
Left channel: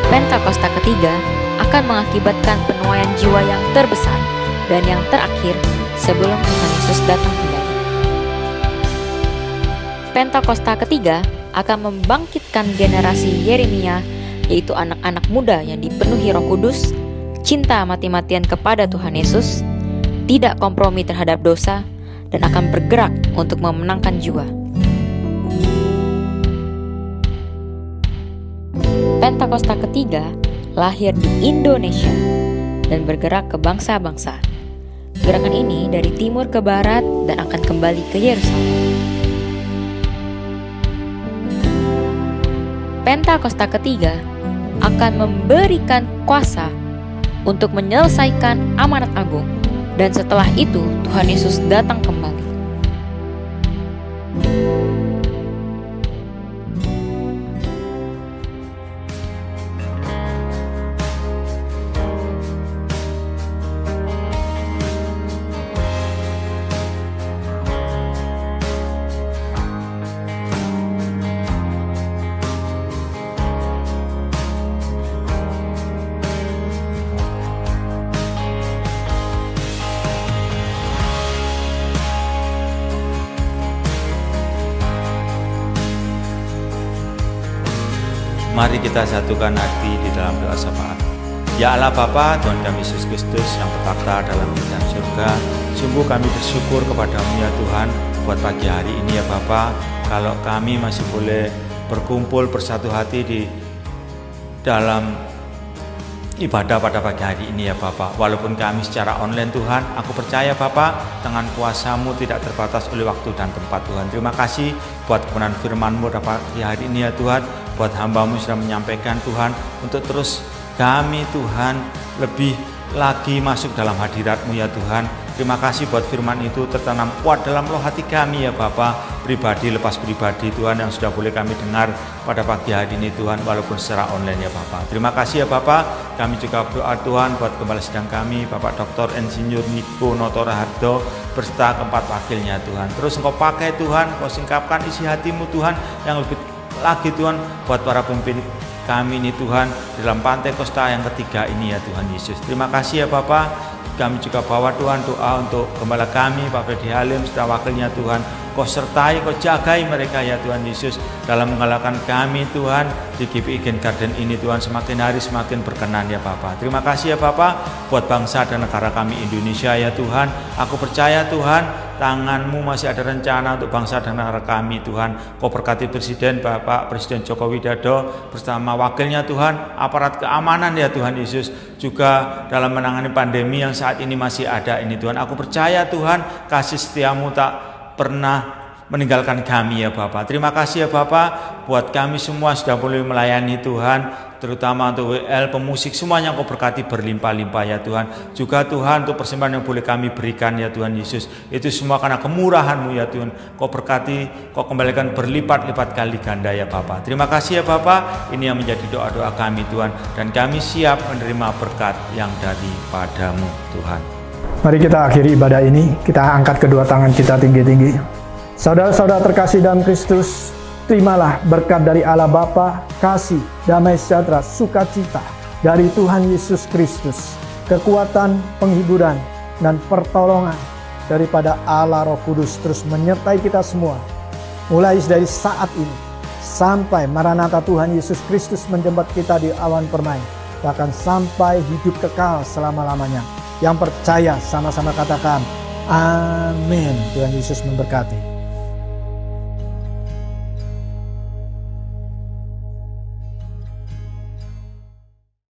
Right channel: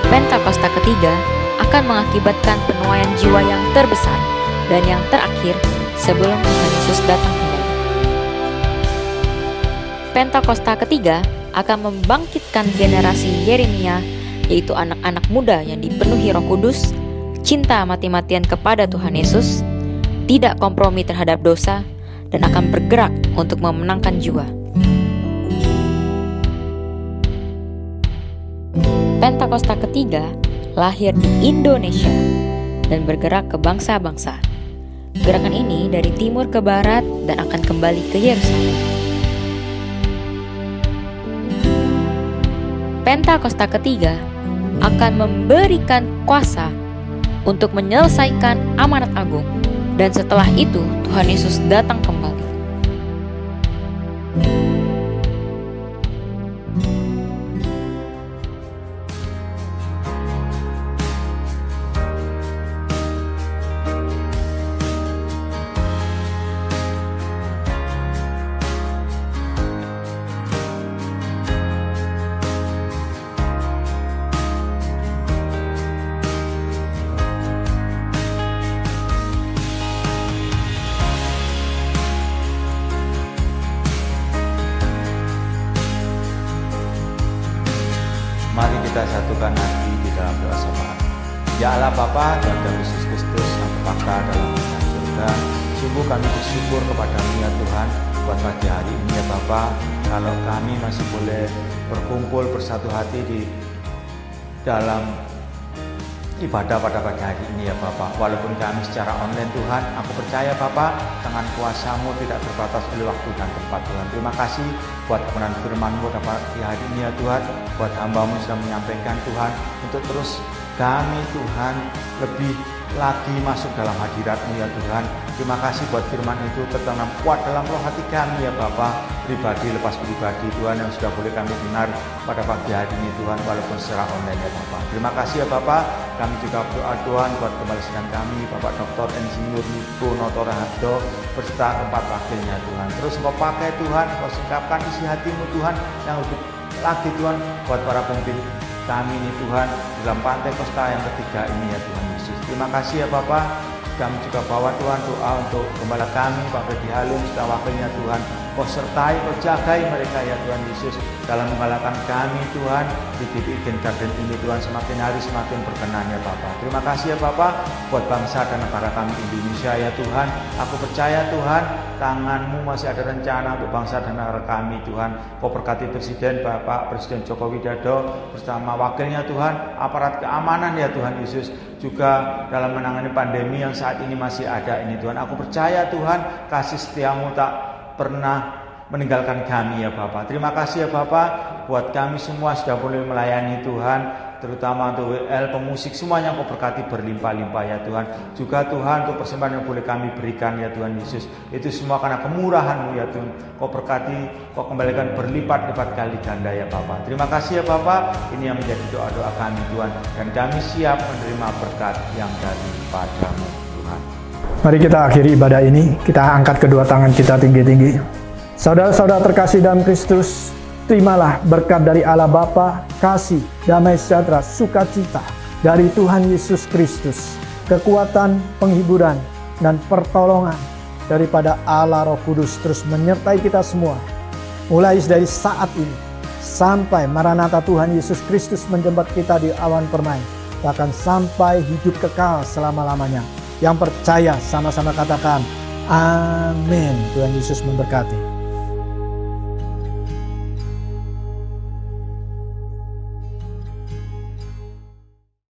Pentakosta ketiga akan mengakibatkan penuaian jiwa yang terbesar dan yang terakhir sebelum Tuhan Yesus datang kembali. Pentakosta ketiga akan membangkitkan generasi Yeremia, yaitu anak-anak muda yang dipenuhi Roh Kudus, cinta mati-matian kepada Tuhan Yesus, tidak kompromi terhadap dosa, dan akan bergerak untuk memenangkan jiwa. Pentakosta ketiga lahir di Indonesia dan bergerak ke bangsa-bangsa. Gerakan ini dari timur ke barat dan akan kembali ke Yerusalem. Pentakosta ketiga akan memberikan kuasa untuk menyelesaikan amanat agung, dan setelah itu Tuhan Yesus datang kembali. Mari kita satukan hati di dalam doa syafaat. Ya Allah Bapa, Tuhan kami Yesus Kristus yang berkata dalam kerajaan surga, sungguh kami bersyukur kepadamu ya Tuhan buat pagi hari ini ya Bapa, kalau kami masih boleh berkumpul bersatu hati di dalam ibadah pada pagi hari ini ya Bapak. Walaupun kami secara online Tuhan, aku percaya Bapak dengan kuasa-Mu tidak terbatas oleh waktu dan tempat Tuhan. Terima kasih buat kebenaran firman-Mu pada pagi hari ini ya Tuhan, buat hamba-Mu sudah menyampaikan Tuhan, untuk terus kami Tuhan lebih lagi masuk dalam hadirat-Mu ya Tuhan. Terima kasih buat firman itu tertanam kuat dalam roh hati kami ya Bapa, pribadi lepas pribadi Tuhan, yang sudah boleh kami dengar pada pagi hari ini Tuhan, walaupun secara online ya Bapa. Terima kasih ya Bapa. Kami juga berdoa Tuhan buat kepala sidang kami, Bapak Dr. Insinyur Niko Notora Hardo beserta keempat wakilnya Tuhan. Terus Engkau pakai Tuhan, Engkau singkapkan isi hati-Mu Tuhan yang lebih lagi Tuhan buat para pemimpin kami ini Tuhan dalam Pentakosta yang ketiga ini ya Tuhan Yesus. Terima kasih ya Bapak. Kami juga bawa Tuhan doa untuk gembala kami Pak Freddy Halim serta wakilnya Tuhan. Kau sertai, Kau jagai mereka ya Tuhan Yesus dalam menggalakkan kami Tuhan di GPI Gen Garden ini Tuhan, semakin hari semakin berkenan ya Bapak. Terima kasih ya Bapak buat bangsa dan negara kami Indonesia ya Tuhan. Aku percaya Tuhan tangan-Mu masih ada rencana untuk bangsa dan negara kami Tuhan. Kau berkati Presiden Bapak Presiden Joko Widodo bersama wakilnya Tuhan, aparat keamanan ya Tuhan Yesus, juga dalam menangani pandemi yang saat ini masih ada ini Tuhan. Aku percaya Tuhan kasih setia-Mu tak pernah meninggalkan kami ya Bapak. Terima kasih ya Bapak buat kami semua sudah boleh melayani Tuhan, terutama untuk WL, pemusik, semuanya Kau berkati berlimpah-limpah ya Tuhan. Juga Tuhan untuk persembahan yang boleh kami berikan ya Tuhan Yesus, itu semua karena kemurahan-Mu ya Tuhan. Kau berkati, Kau kembalikan berlipat-lipat kali ganda ya Bapak. Terima kasih ya Bapak. Ini yang menjadi doa-doa kami Tuhan, dan kami siap menerima berkat yang daripada-Mu Tuhan. Mari kita akhiri ibadah ini, kita angkat kedua tangan kita tinggi-tinggi. Saudara-saudara terkasih dalam Kristus, terimalah berkat dari Allah Bapa, kasih, damai sejahtera, sukacita dari Tuhan Yesus Kristus, kekuatan, penghiburan, dan pertolongan daripada Allah Roh Kudus terus menyertai kita semua, mulai dari saat ini sampai Maranatha Tuhan Yesus Kristus menjemput kita di awan permai, bahkan sampai hidup kekal selama-lamanya. Yang percaya sama-sama katakan amin. Tuhan Yesus memberkati.